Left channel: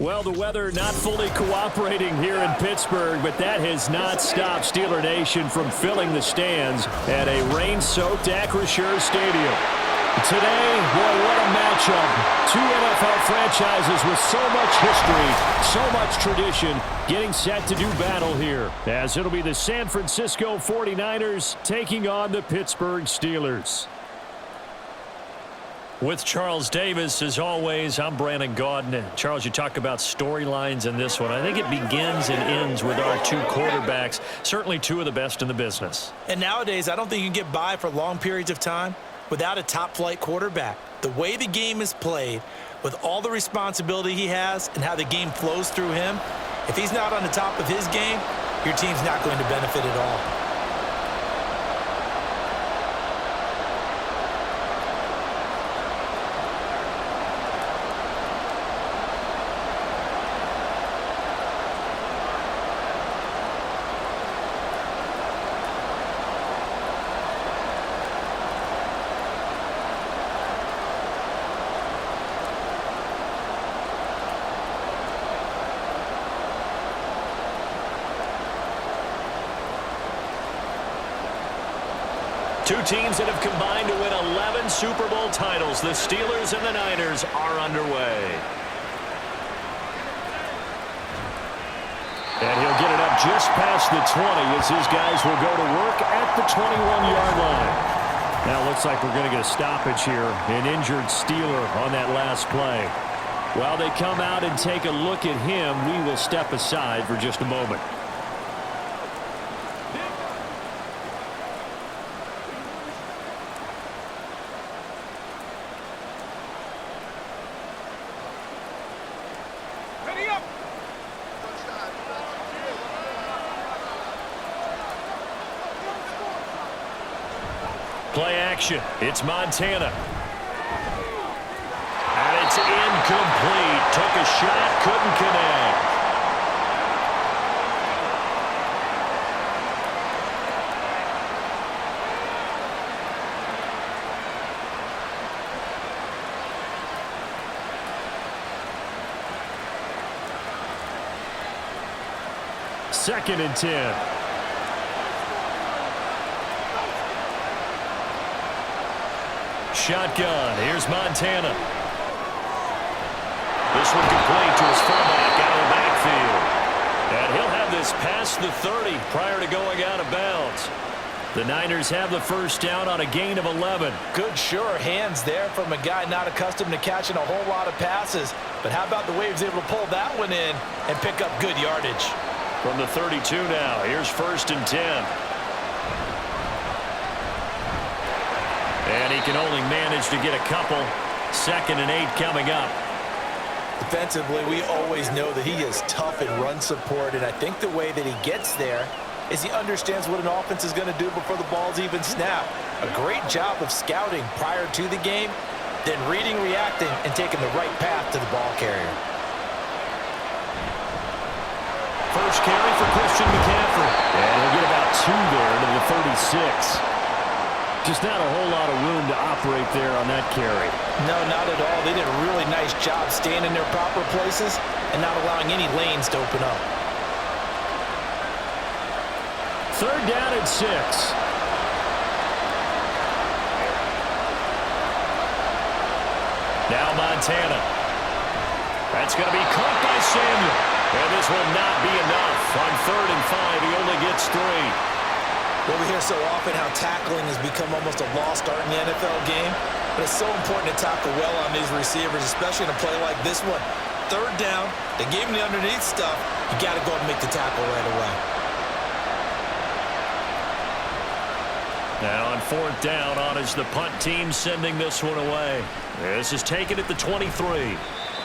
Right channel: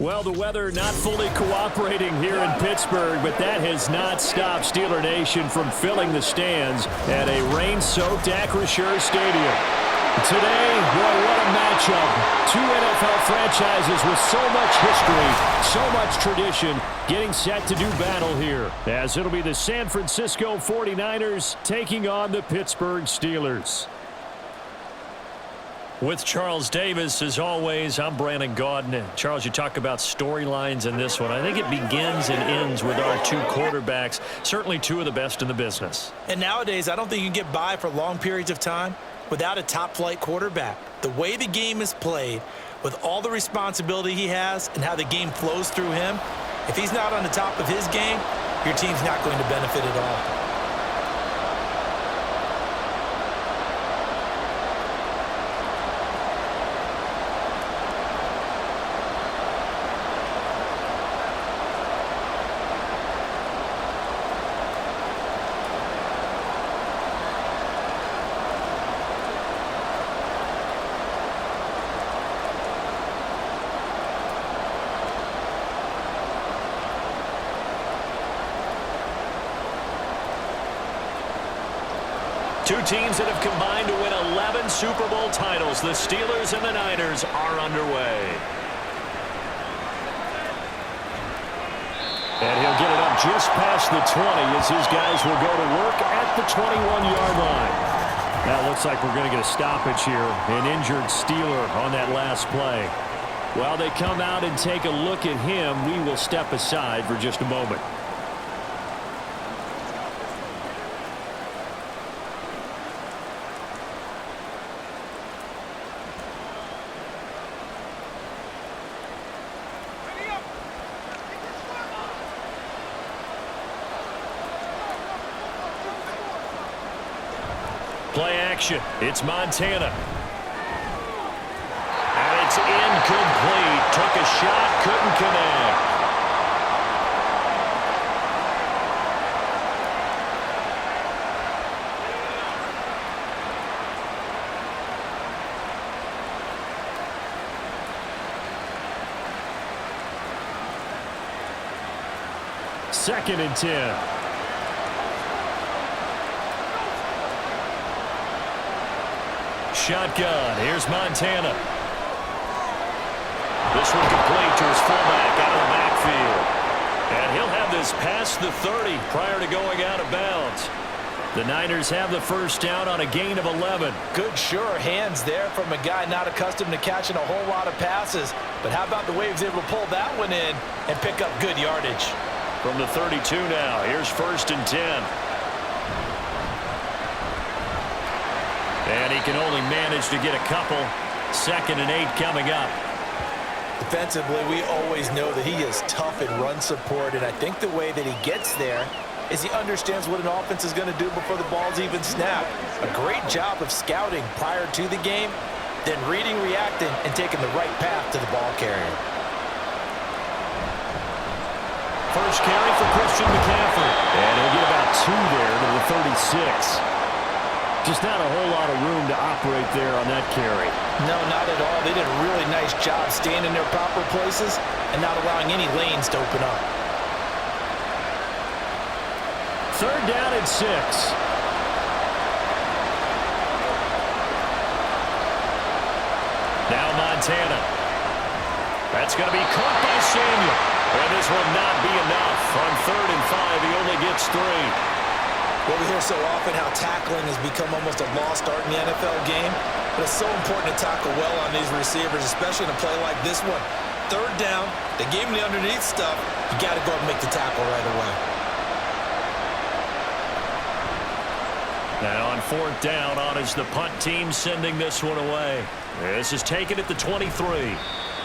Well, the weather not fully cooperating here in Pittsburgh, but that has not stopped Steeler Nation from filling the stands at a rain-soaked Acrisure Stadium. Today, boy, what a matchup. Two NFL franchises with so much history, so much tradition, getting set to do battle here, as it'll be the San Francisco 49ers taking on the Pittsburgh Steelers. With Charles Davis, as always, I'm Brandon Gaudin. Charles, you talk about storylines in this one. I think it begins and ends with our two quarterbacks, certainly two of the best in the business. And nowadays, I don't think you can get by for long periods of time without a top-flight quarterback. The way the game is played, with all the responsibility he has and how the game flows through him, if he's not on the top of his game, your team's not going to benefit at all. Two teams that have combined to win 11 Super Bowl titles. The Steelers and the Niners are underway. And he'll get it up just past the 20 as his guys will go to work at the 21-yard line. Now it looks like we're going to get a stoppage here. An injured Steeler on that last play. While they come out and take a look at him, we will step aside for just a moment. Play action. It's Montana. And it's incomplete. Took a shot, couldn't connect. Second and 10. Shotgun. Here's Montana. This one complete to his fullback out of the backfield. And he'll have this past the 30 prior to going out of bounds. The Niners have the first down on a gain of 11. Good, sure hands there from a guy not accustomed to catching a whole lot of passes. But how about the way he was able to pull that one in and pick up good yardage? From the 32 now, here's first and 10. And he can only manage to get a couple. Second and 8 coming up. Defensively, we always know that he is tough in run support, and I think the way that he gets there is he understands what an offense is going to do before the ball's even snapped. A great job of scouting prior to the game, then reading, reacting, and taking the right path to the ball carrier. First carry for Christian McCaffrey. And he'll get about 2 there to the 36. Just not a whole lot of room to operate there on that carry. No, not at all. They did a really nice job staying in their proper places and not allowing any lanes to open up. Third down and 6. Now Montana. That's going to be caught by Samuel. And this will not be enough. On 3rd and 5, he only gets 3. Well, we hear so often how tackling has become almost a lost art in the NFL game, but it's so important to tackle well on these receivers, especially in a play like this one. 3rd down, they gave him the underneath stuff. You got to go and make the tackle right away. Now on 4th down, on is the punt team sending this one away. This is taken at the 23.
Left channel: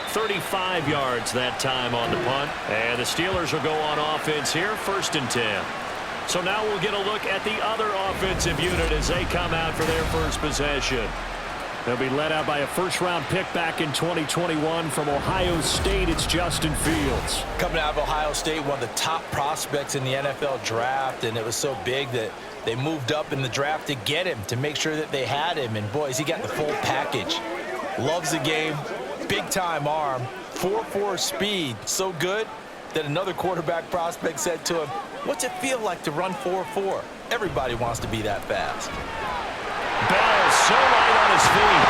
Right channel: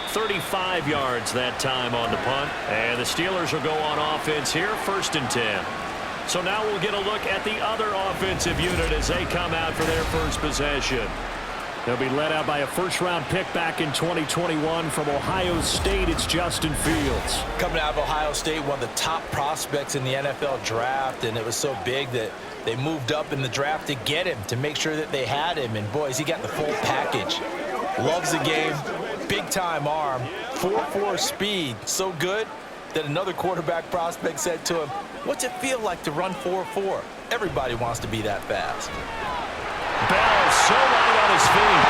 35 yards that time on the punt. And the Steelers will go on offense here, 1st and 10. So now we'll get a look at the other offensive unit as they come out for their first possession. They'll be led out by a first-round pick back in 2021 from Ohio State. It's Justin Fields. Coming out of Ohio State, one of the top prospects in the NFL draft, and it was so big that they moved up in the draft to get him, to make sure that they had him. And, boys, he got the full package. Loves the game, Big-time arm, 4.4 speed, so good that another quarterback prospect said to him, "What's it feel like to run 4.4? Everybody wants to be that fast." Bell so light on his feet.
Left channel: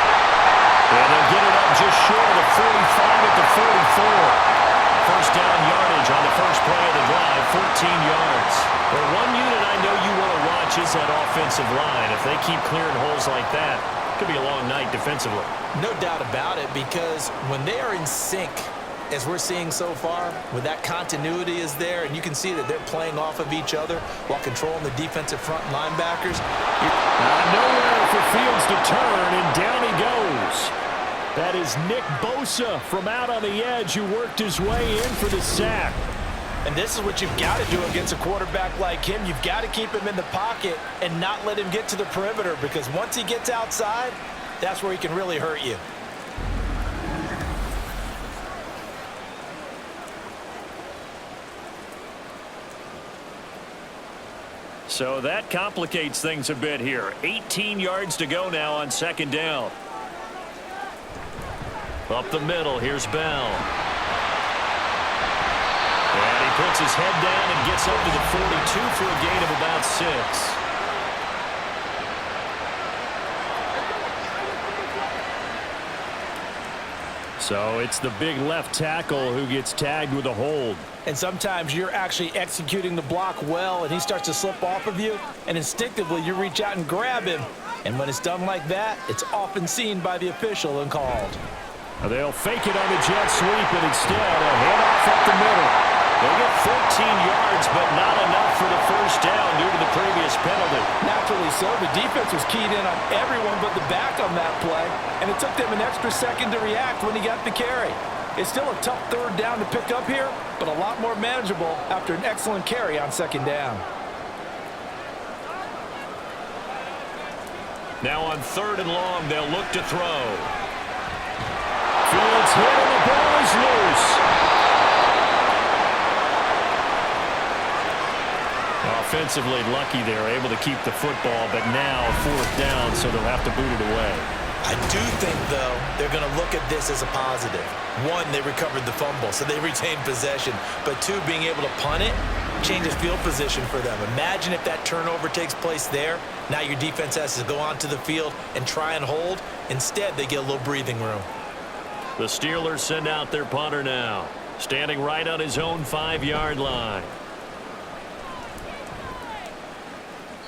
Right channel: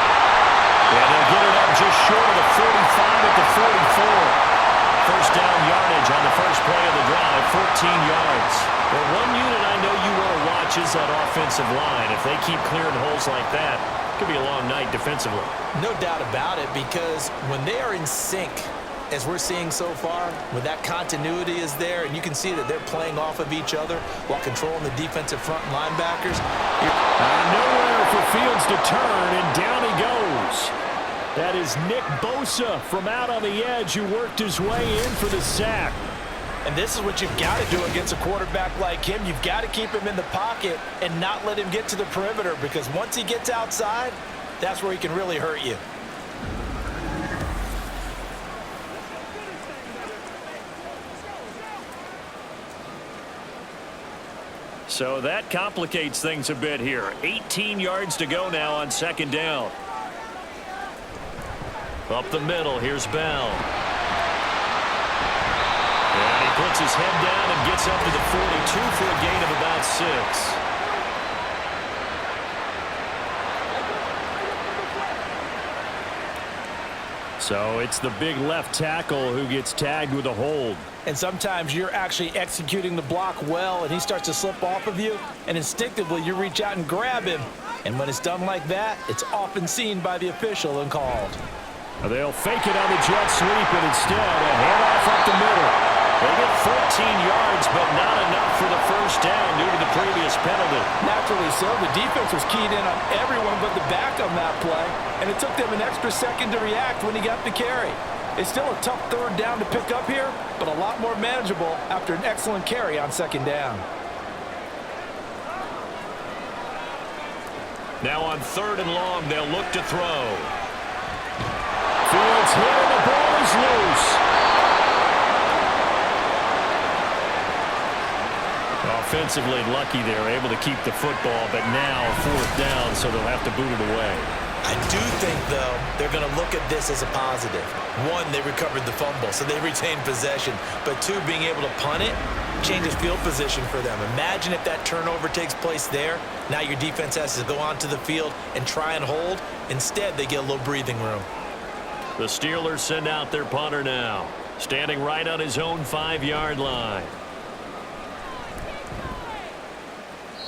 And they'll get it up just short of the 45 at the 44. First down yardage on the first play of the drive, 14 yards. Well, one unit I know you want to watch is that offensive line. If they keep clearing holes like that, it could be a long night defensively. No doubt about it, because when they are in sync, as we're seeing so far, when that continuity is there and you can see that they're playing off of each other while controlling the defensive front and linebackers. Nowhere for Fields to turn, and down he goes. That is Nick Bosa from out on the edge who worked his way in for the sack. And this is what you've got to do against a quarterback like him. You've got to keep him in the pocket and not let him get to the perimeter, because once he gets outside, that's where he can really hurt you. So that complicates things a bit here. 18 yards to go now on second down. Up the middle, here's Bell. And he puts his head down and gets up to the 42 for a gain of about 6. So it's the big left tackle who gets tagged with a hold. And sometimes you're actually executing the block well, and he starts to slip off of you, and instinctively you reach out and grab him. And when it's done like that, it's often seen by the official and called. They'll fake it on the jet sweep, and instead a handoff up the middle. They get 14 yards, but not enough for the first down due to the previous penalty. Naturally so. The defense was keyed in on everyone but the back on that play, and it took them an extra second to react when he got the carry. It's still a tough third down to pick up here, but a lot more manageable after an excellent carry on second down. Now on third and long, they'll look to throw. Fields hit and the ball is loose. Offensively lucky they're able to keep the football, but now fourth down, so they'll have to boot it away. I do think, though, they're going to look at this as a positive. One, they recovered the fumble, so they retained possession. But two, being able to punt it changes field position for them. Imagine if that turnover takes place there. Now your defense has to go onto the field and try and hold. Instead, they get a little breathing room. The Steelers send out their punter now, standing right on his own 5-yard line.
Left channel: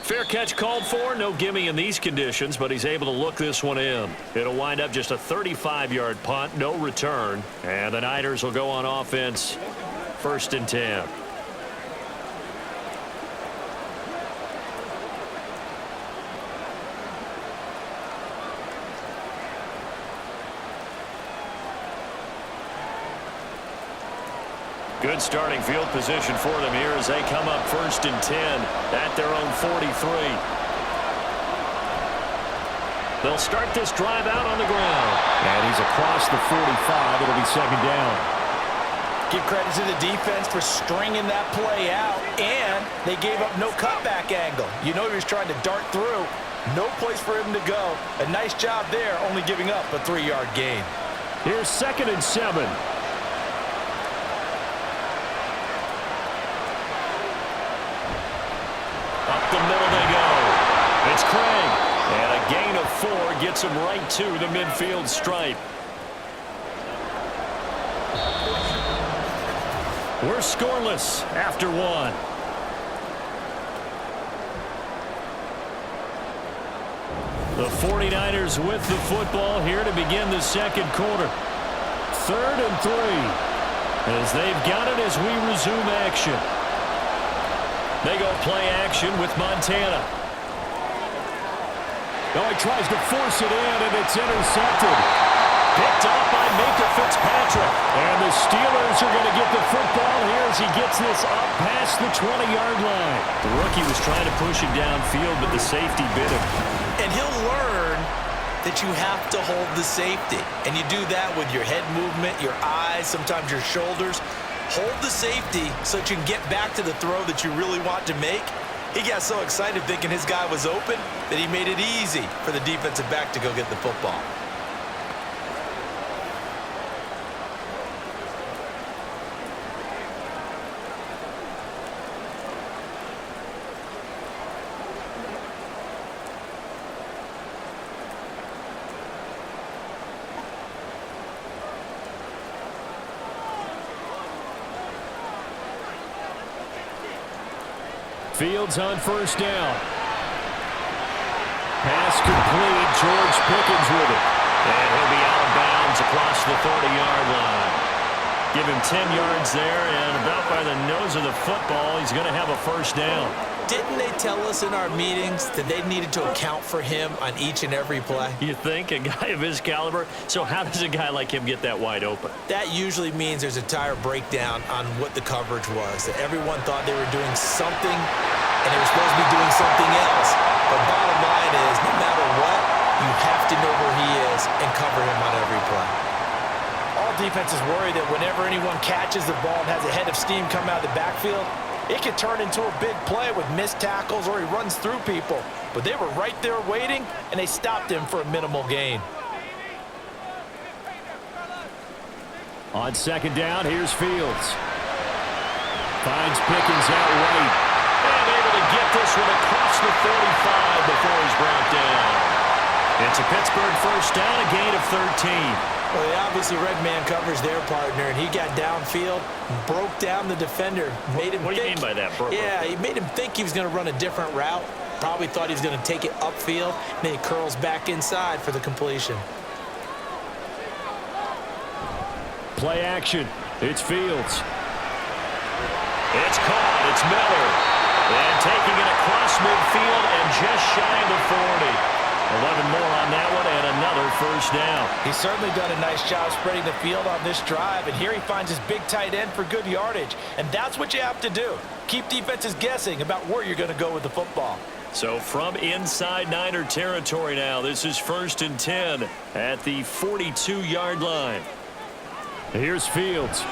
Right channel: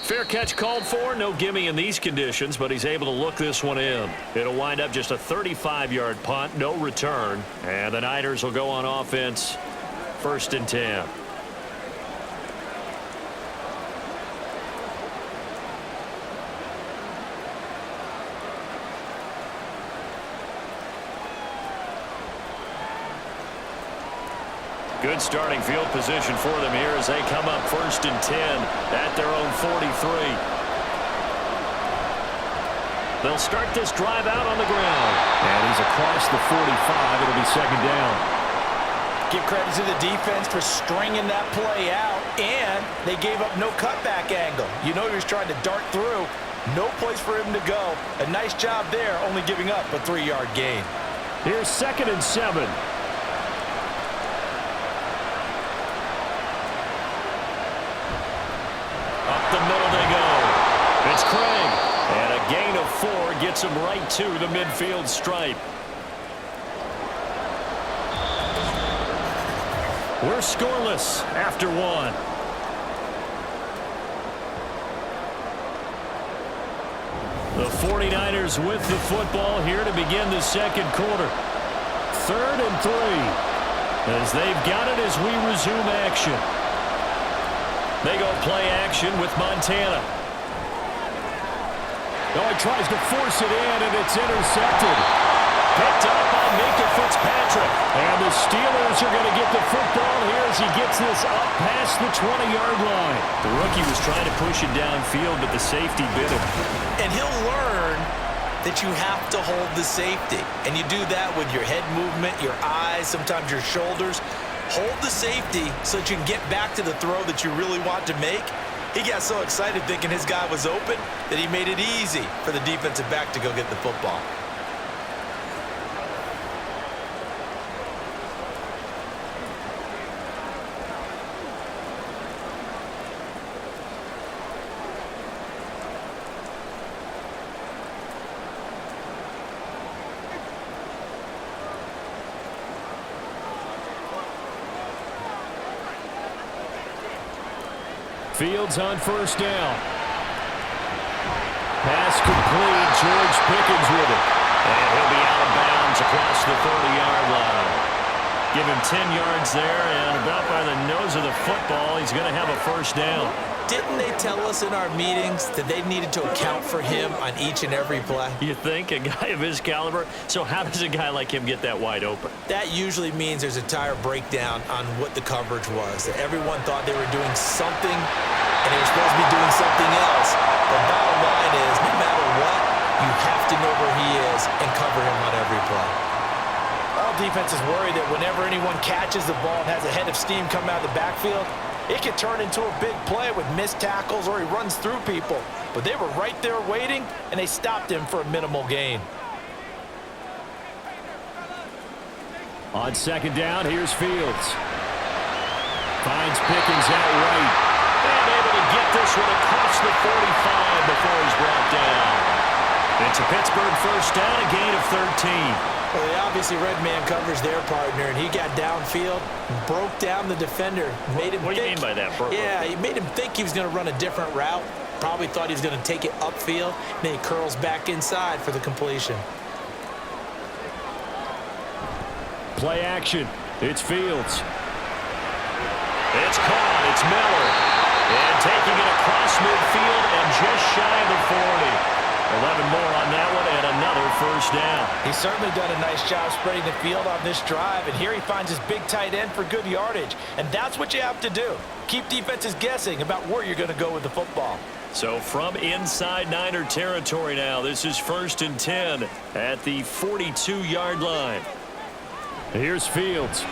Fair catch called for. No gimme in these conditions, but he's able to look this one in. It'll wind up just a 35-yard punt, no return. And the Niners will go on offense, 1st and 10. Good starting field position for them here as they come up 1st and 10 at their own 43. They'll start this drive out on the ground. And he's across the 45. It'll be second down. Give credit to the defense for stringing that play out, and they gave up no cutback angle. You know he was trying to dart through. No place for him to go. A nice job there, only giving up a 3-yard gain. Here's 2nd and 7. Up the middle they go. It's Craig. And a gain of 4 gets him right to the midfield stripe. We're scoreless after 1. The 49ers with the football here to begin the second quarter. 3rd and 3. As they've got it as we resume action. They go play action with Montana. Oh, he tries to force it in, and it's intercepted. Picked up by Minka Fitzpatrick. And the Steelers are going to get the football here as he gets this up past the 20-yard line. The rookie was trying to push it downfield, but the safety bit him. And he'll learn that you have to hold the safety. And you do that with your head movement, your eyes, sometimes your shoulders. Hold the safety so that you can get back to the throw that you really want to make. He got so excited thinking his guy was open that he made it easy for the defensive back to go get the football. Fields on first down. Pass complete. George Pickens with it. And he'll be out of bounds across the 30-yard line. Give him 10 yards there, and about by the nose of the football, he's going to have a first down. Didn't they tell us in our meetings that they needed to account for him on each and every play? You think? A guy of his caliber? So how does a guy like him get that wide open? That usually means there's a entire breakdown on what the coverage was. That everyone thought they were doing something, and they were supposed to be doing something else. But bottom line is, no matter what, you have to know where he is and cover him on every play. All defenses worry that whenever anyone catches the ball and has a head of steam come out of the backfield, it could turn into a big play with missed tackles or he runs through people. But they were right there waiting, and they stopped him for a minimal gain. On second down, here's Fields. Finds Pickens out right. And able to get this one across the 45 before he's brought down. It's a Pittsburgh first down, a gain of 13. Well, they obviously red man covers their partner, and he got downfield, broke down the defender. What do you mean by that? Yeah, he made him think he was going to run a different route. Probably thought he was going to take it upfield. Then he curls back inside for the completion. Play action. It's Fields. It's caught. It's Miller. And taking it across midfield and just shy of the 40. 11 more on that one and another first down. He's certainly done a nice job spreading the field on this drive, and here he finds his big tight end for good yardage. And that's what you have to do. Keep defenses guessing about where you're going to go with the football. So from inside Niner territory now, this is 1st and 10 at the 42-yard line. Here's Fields.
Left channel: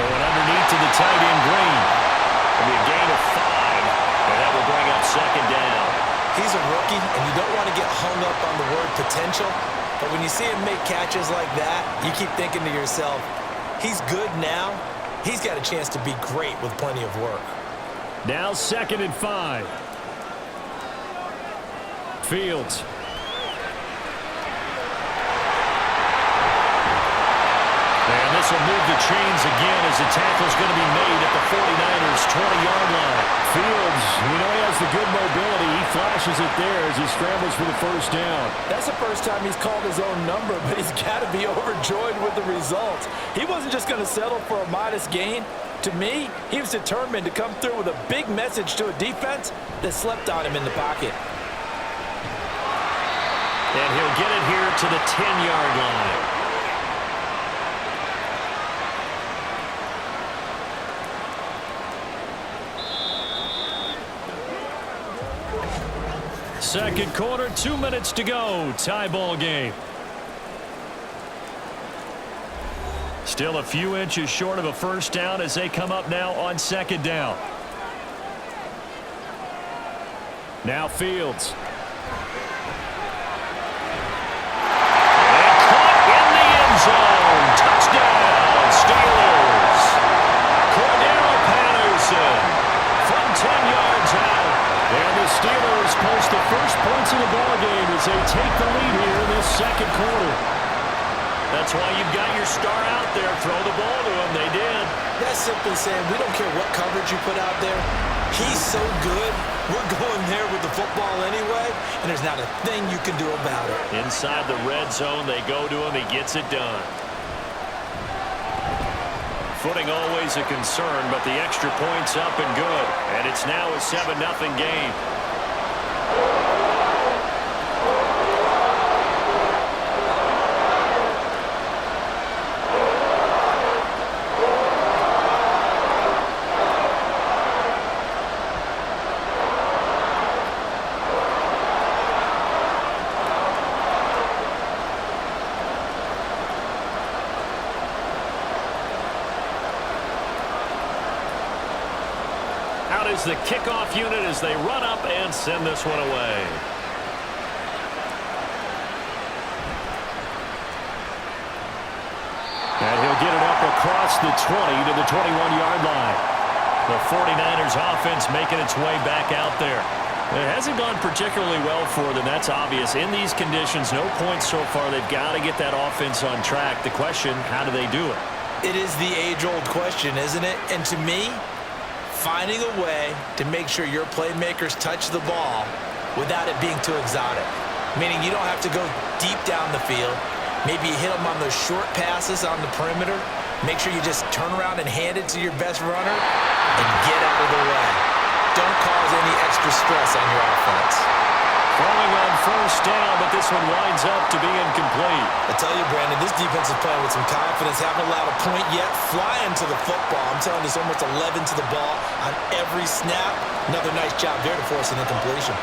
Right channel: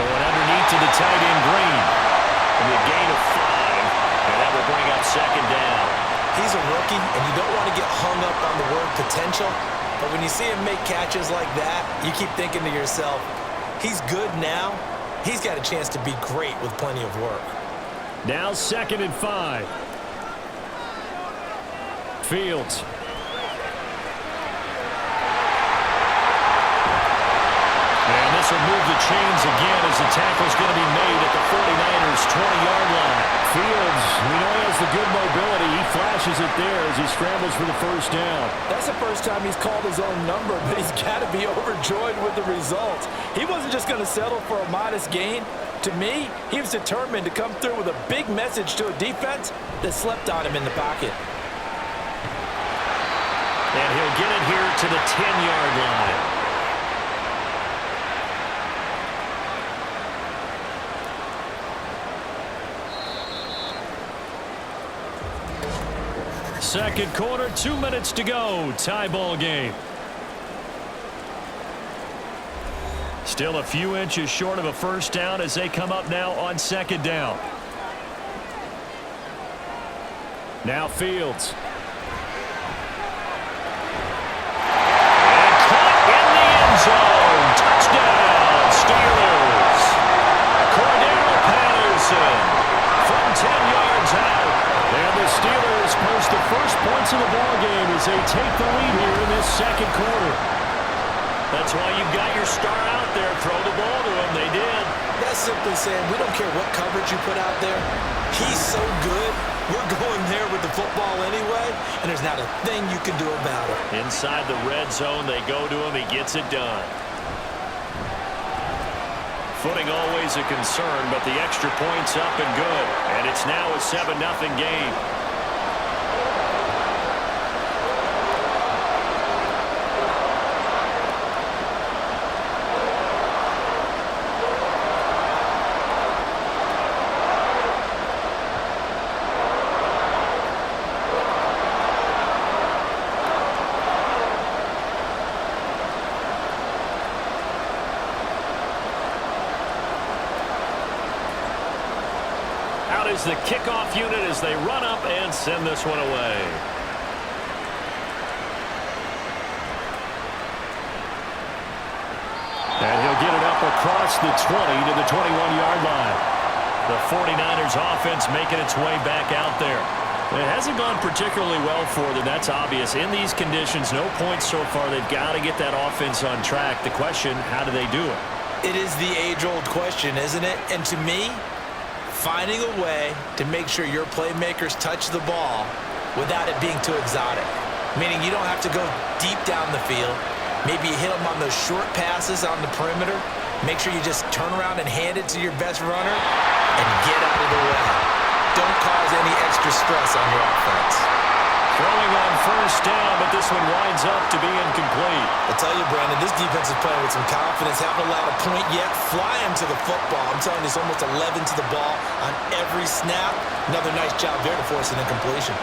Going underneath to the tight end Green. It'll be a gain of 5, and that will bring up second down. He's a rookie, and you don't want to get hung up on the word potential. But when you see him make catches like that, you keep thinking to yourself, he's good now. He's got a chance to be great with plenty of work. Now 2nd and 5. Fields. And this will move the chains again as the tackle's going to be made at the 49ers' 20-yard line. Fields, we know he has the good mobility. He flashes it there as he scrambles for the first down. That's the first time he's called his own number, but he's got to be overjoyed with the results. He wasn't just going to settle for a modest gain. To me, he was determined to come through with a big message to a defense that slept on him in the pocket. And he'll get it here to the 10-yard line. Second quarter, 2 minutes to go. Tie ball game. Still a few inches short of a first down as they come up now on second down. Now Fields. And caught in the end zone. Touchdown, Steelers. Cordero Patterson from 10 yards out. And the Steelers post the first points of the ball game as they take the lead here in this second quarter. That's why you've got your star out there. Throw the ball to him. They did. That's simply saying we don't care what coverage you put out there. He's so good. We're going there with the football anyway, and there's not a thing you can do about it. Inside the red zone, they go to him. He gets it done. Footing always a concern, but the extra point's up and good. And it's now a 7-0 game. Out is the kickoff unit as they run up and send this one away. And he'll get it up across the 20 to the 21-yard line. The 49ers offense making its way back out there. It hasn't gone particularly well for them. That's obvious. In these conditions, no points so far. They've got to get that offense on track. The question, how do they do it? It is the age-old question, isn't it? And to me, finding a way to make sure your playmakers touch the ball without it being too exotic. Meaning you don't have to go deep down the field. Maybe you hit them on those short passes on the perimeter. Make sure you just turn around and hand it to your best runner and get out of the way. Don't cause any extra stress on your offense. Throwing on first down, but this one winds up to be incomplete. I tell you, Brandon, this defense is playing with some confidence. Haven't allowed a point yet. Flying to the football. I'm telling you, it's almost 11 to the ball on every snap. Another nice job there to force an incompletion.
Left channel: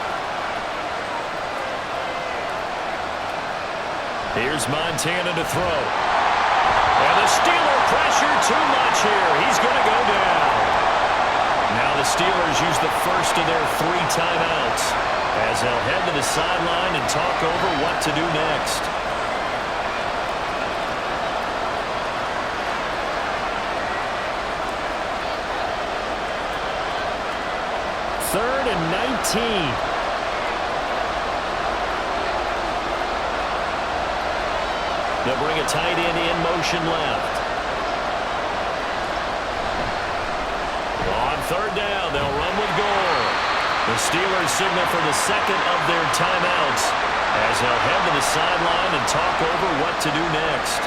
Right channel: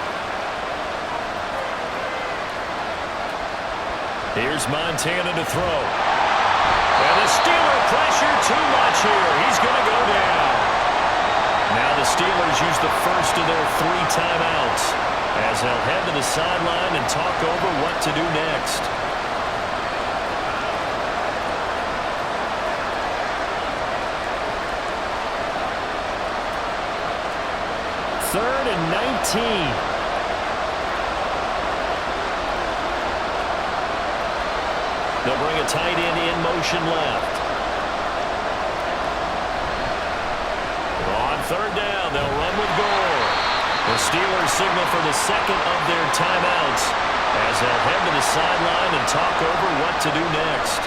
Here's Montana to throw. And the Steeler pressure too much here. He's going to go down. Now the Steelers use the first of their 3 timeouts as they'll head to the sideline and talk over what to do next. Third and 19. They'll bring a tight end in motion left. On third down, they'll run with Gore. The Steelers signal for the second of their timeouts as they'll head to the sideline and talk over what to do next.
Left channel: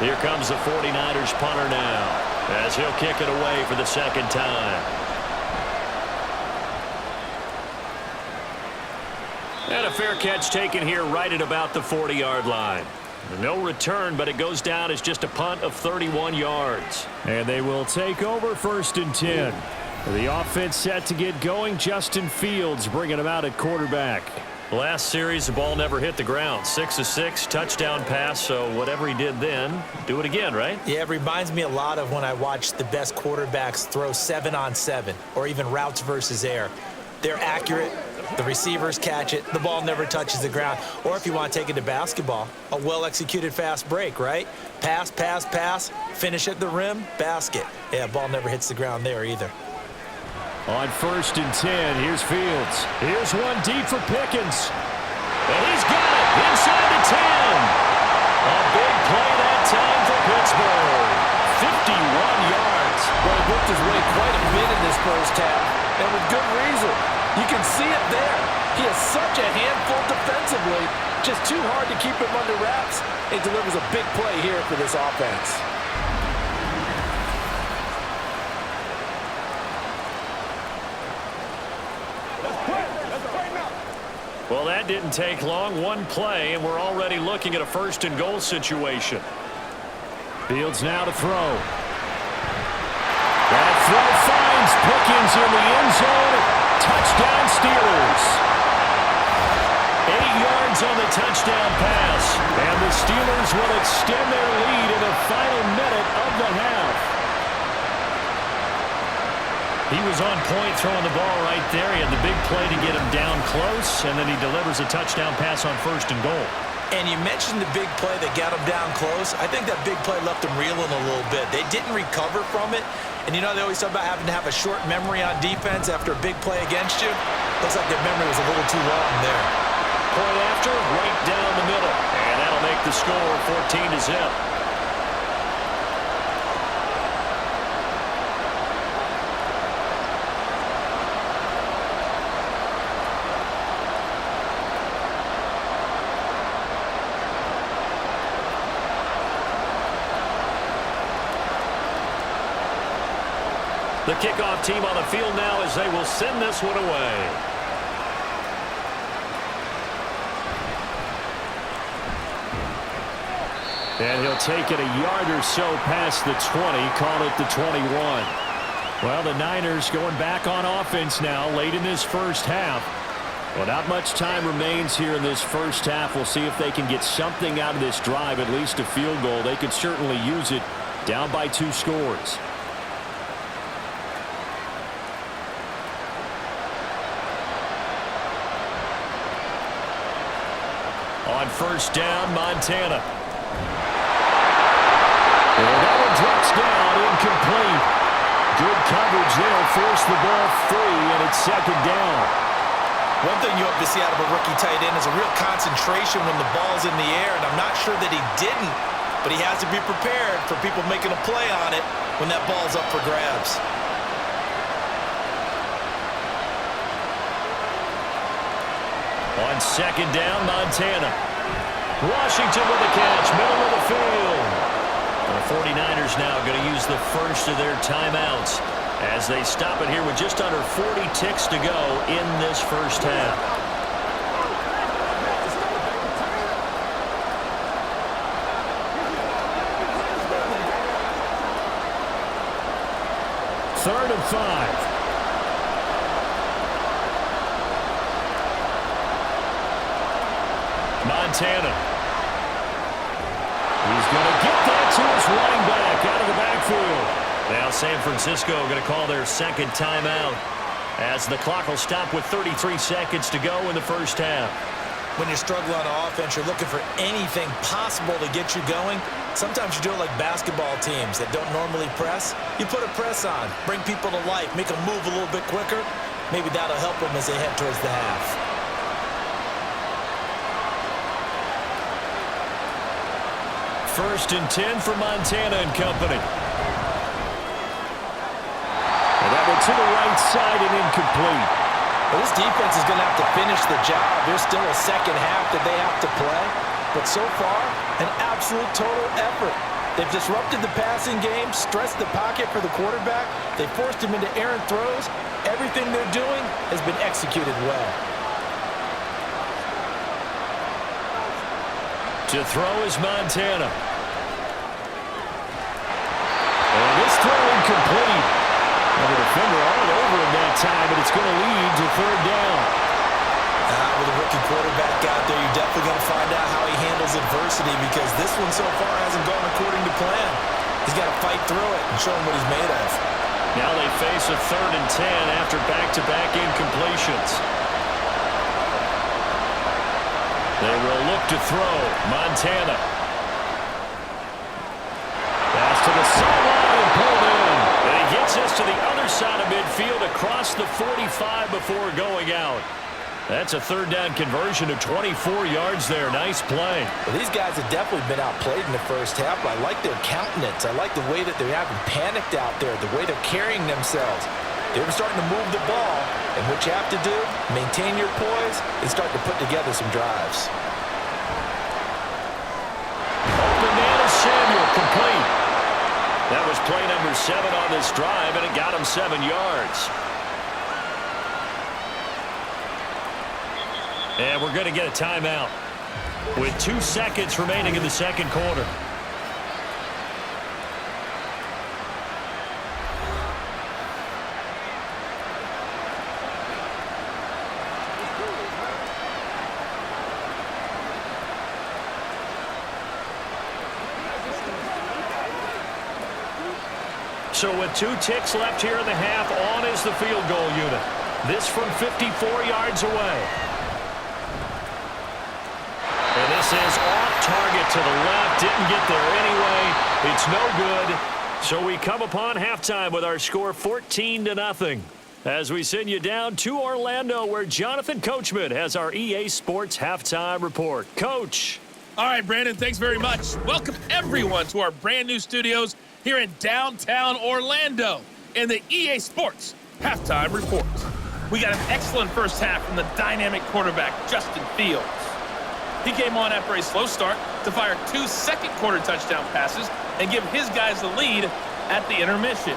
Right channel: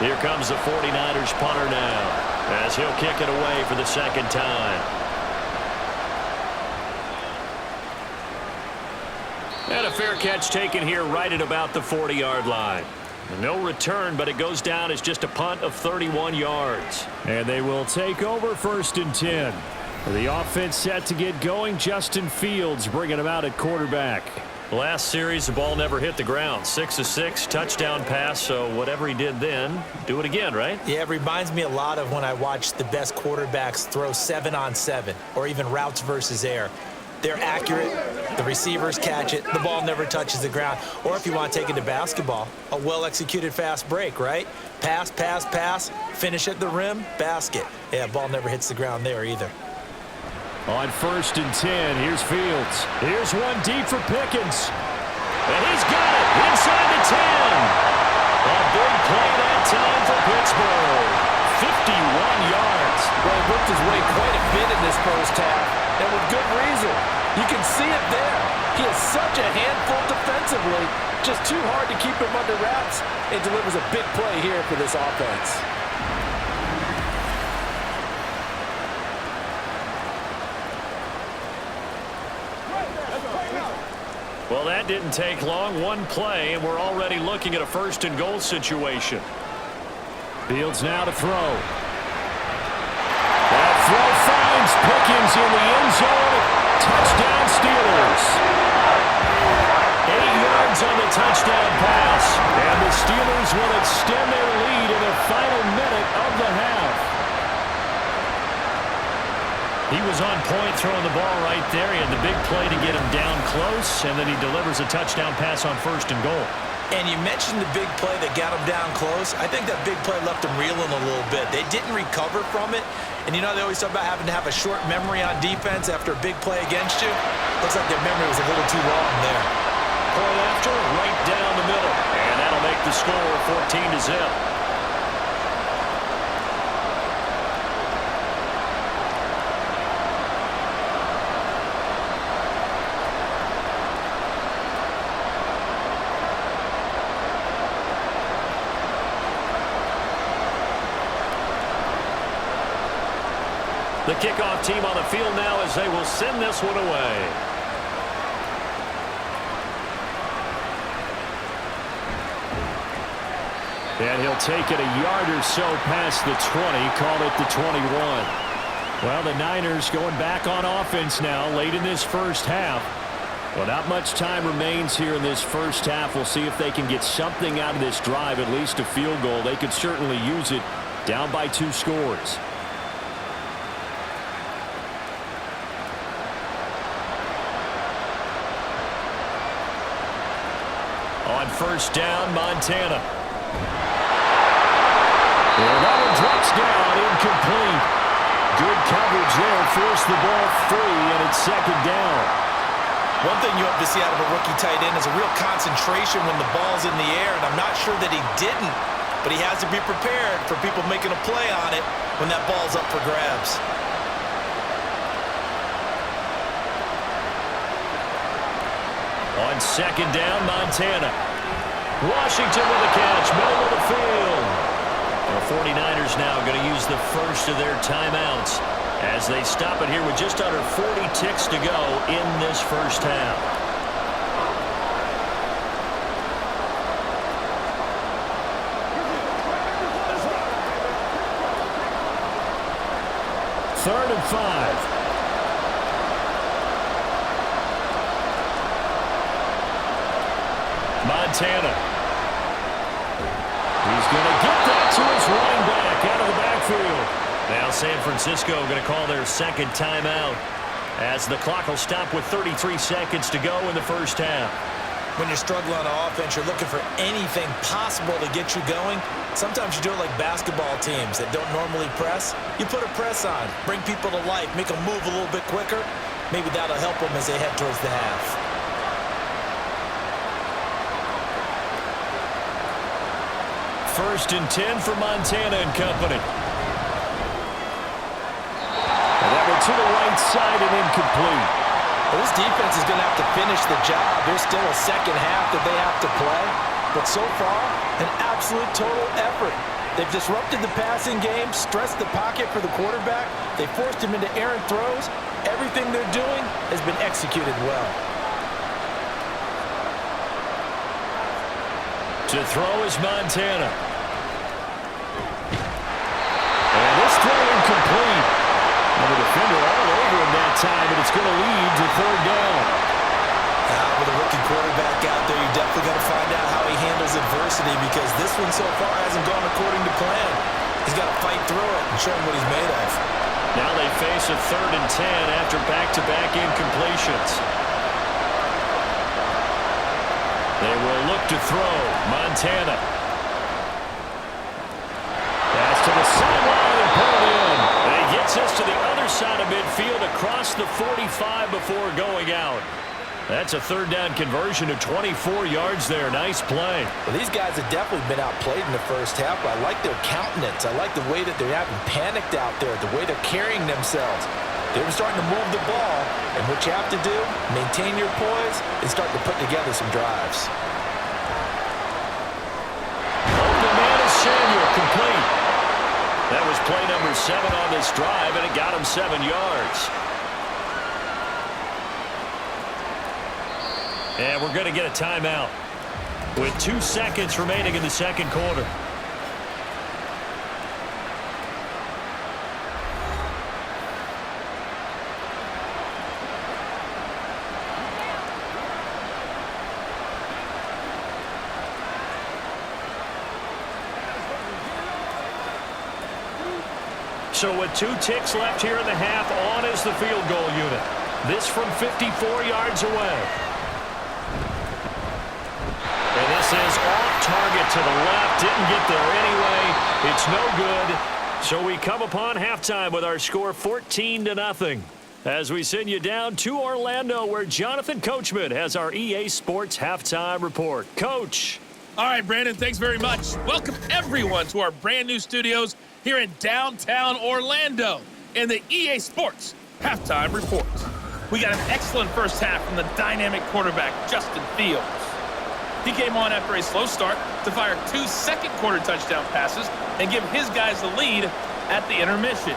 Here comes the 49ers punter now as he'll kick it away for the second time. And a fair catch taken here right at about the 40-yard line. No return, but it goes down as just a punt of 31 yards. And they will take over first and 10. The offense set to get going. Justin Fields bringing them out at quarterback. Last series, the ball never hit the ground. 6 of 6, touchdown pass, so whatever he did then, do it again, right? Yeah, it reminds me a lot of when I watch the best quarterbacks throw 7-on-7 or even routes versus air. They're accurate. The receivers catch it. The ball never touches the ground. Or if you want to take it to basketball, a well-executed fast break, right? Pass, pass, pass, finish at the rim, basket. Yeah, ball never hits the ground there either. On first and 10, here's Fields. Here's one deep for Pickens. And he's got it inside the 10. A big play that time for Pittsburgh. 51 yards. Well, he worked his way quite a bit in this first half, and with good reason. You can see it there. He is such a handful defensively, just too hard to keep him under wraps, and delivers a big play here for this offense. Well, that didn't take long. One play, and we're already looking at a first and goal situation. Fields now to throw. That throw finds Pickens in the end zone. Touchdown Steelers. 8 yards on the touchdown pass. And the Steelers will extend their lead in the final minute of the half. He was on point throwing the ball right there. He had the big play to get him down close, and then he delivers a touchdown pass on first and goal. And you mentioned the big play that got him down close. I think that big play left him reeling a little bit. They didn't recover from it. And you know they always talk about having to have a short memory on defense after a big play against you. Looks like their memory was a little too long there. Point after, right down the middle. And that'll make the score 14-0. The kickoff team on the field now as they will send this one away. And he'll take it a yard or so past the 20, call it the 21. Well, the Niners going back on offense now late in this first half. Well, not much time remains here in this first half. We'll see if they can get something out of this drive, at least a field goal. They could certainly use it down by 2 scores. On first down, Montana. And that one drops down incomplete. Good coverage there. Forced the ball free, and it's second down. One thing you hope to see out of a rookie tight end is a real concentration when the ball's in the air, and I'm not sure that he didn't, but he has to be prepared for people making a play on it when that ball's up for grabs. On second down, Montana. Washington with the catch, middle of the field. And the 49ers now going to use the first of their timeouts as they stop it here with just under 40 ticks to go in this first half. Third and 5. Montana. He's going to get that to his running back out of the backfield. Now San Francisco going to call their second timeout as the clock will stop with 33 seconds to go in the first half. When you're struggling on offense, you're looking for anything possible to get you going. Sometimes you do it like basketball teams that don't normally press. You put a press on, bring people to life, make them move a little bit quicker. Maybe that'll help them as they head towards the half. First and 10 for Montana and company. And that one to the right side and incomplete. Well, this defense is going to have to finish the job. There's still a second half that they have to play. But so far, an absolute total effort. They've disrupted the passing game, stressed the pocket for the quarterback. They forced him into errant throws. Everything they're doing has been executed well. To throw is Montana. And this throw incomplete. And the defender all over him that time, and it's going to lead to third down. With a rookie quarterback out there, you're definitely going to find out how he handles adversity because this one so far hasn't gone according to plan. He's got to fight through it and show him what he's made of. Now they face a third and 10 after back-to-back incompletions. They will look to throw. Montana. Pass to the sideline and pulled in. And he gets us to the other side of midfield across the 45 before going out. That's a third down conversion of 24 yards there. Nice play. Well, these guys have definitely been outplayed in the first half, but I like their countenance. I like the way that they're having panicked out there, the way they're carrying themselves. They're starting to move the ball, and what you have to do, maintain your poise and start to put together some drives. Open man is Samuel, complete. That was play number 7 on this drive, and it got him 7 yards. And we're going to get a timeout with 2 seconds remaining in the second quarter. So with 2 ticks left here in the half, on is the field goal unit. This from 54 yards away. And this is off target to the left. Didn't get there anyway. It's no good. So we come upon halftime with our score 14-0. As we send you down to Orlando, where Jonathan Coachman has our EA Sports halftime report. Coach. All right, Brandon, thanks very much. Welcome everyone to our brand new studios here in downtown Orlando in the EA Sports halftime report. We got an excellent first half from the dynamic quarterback, Justin Fields. He came on after a slow start to fire 2 second-quarter touchdown passes and give his guys the lead at the intermission.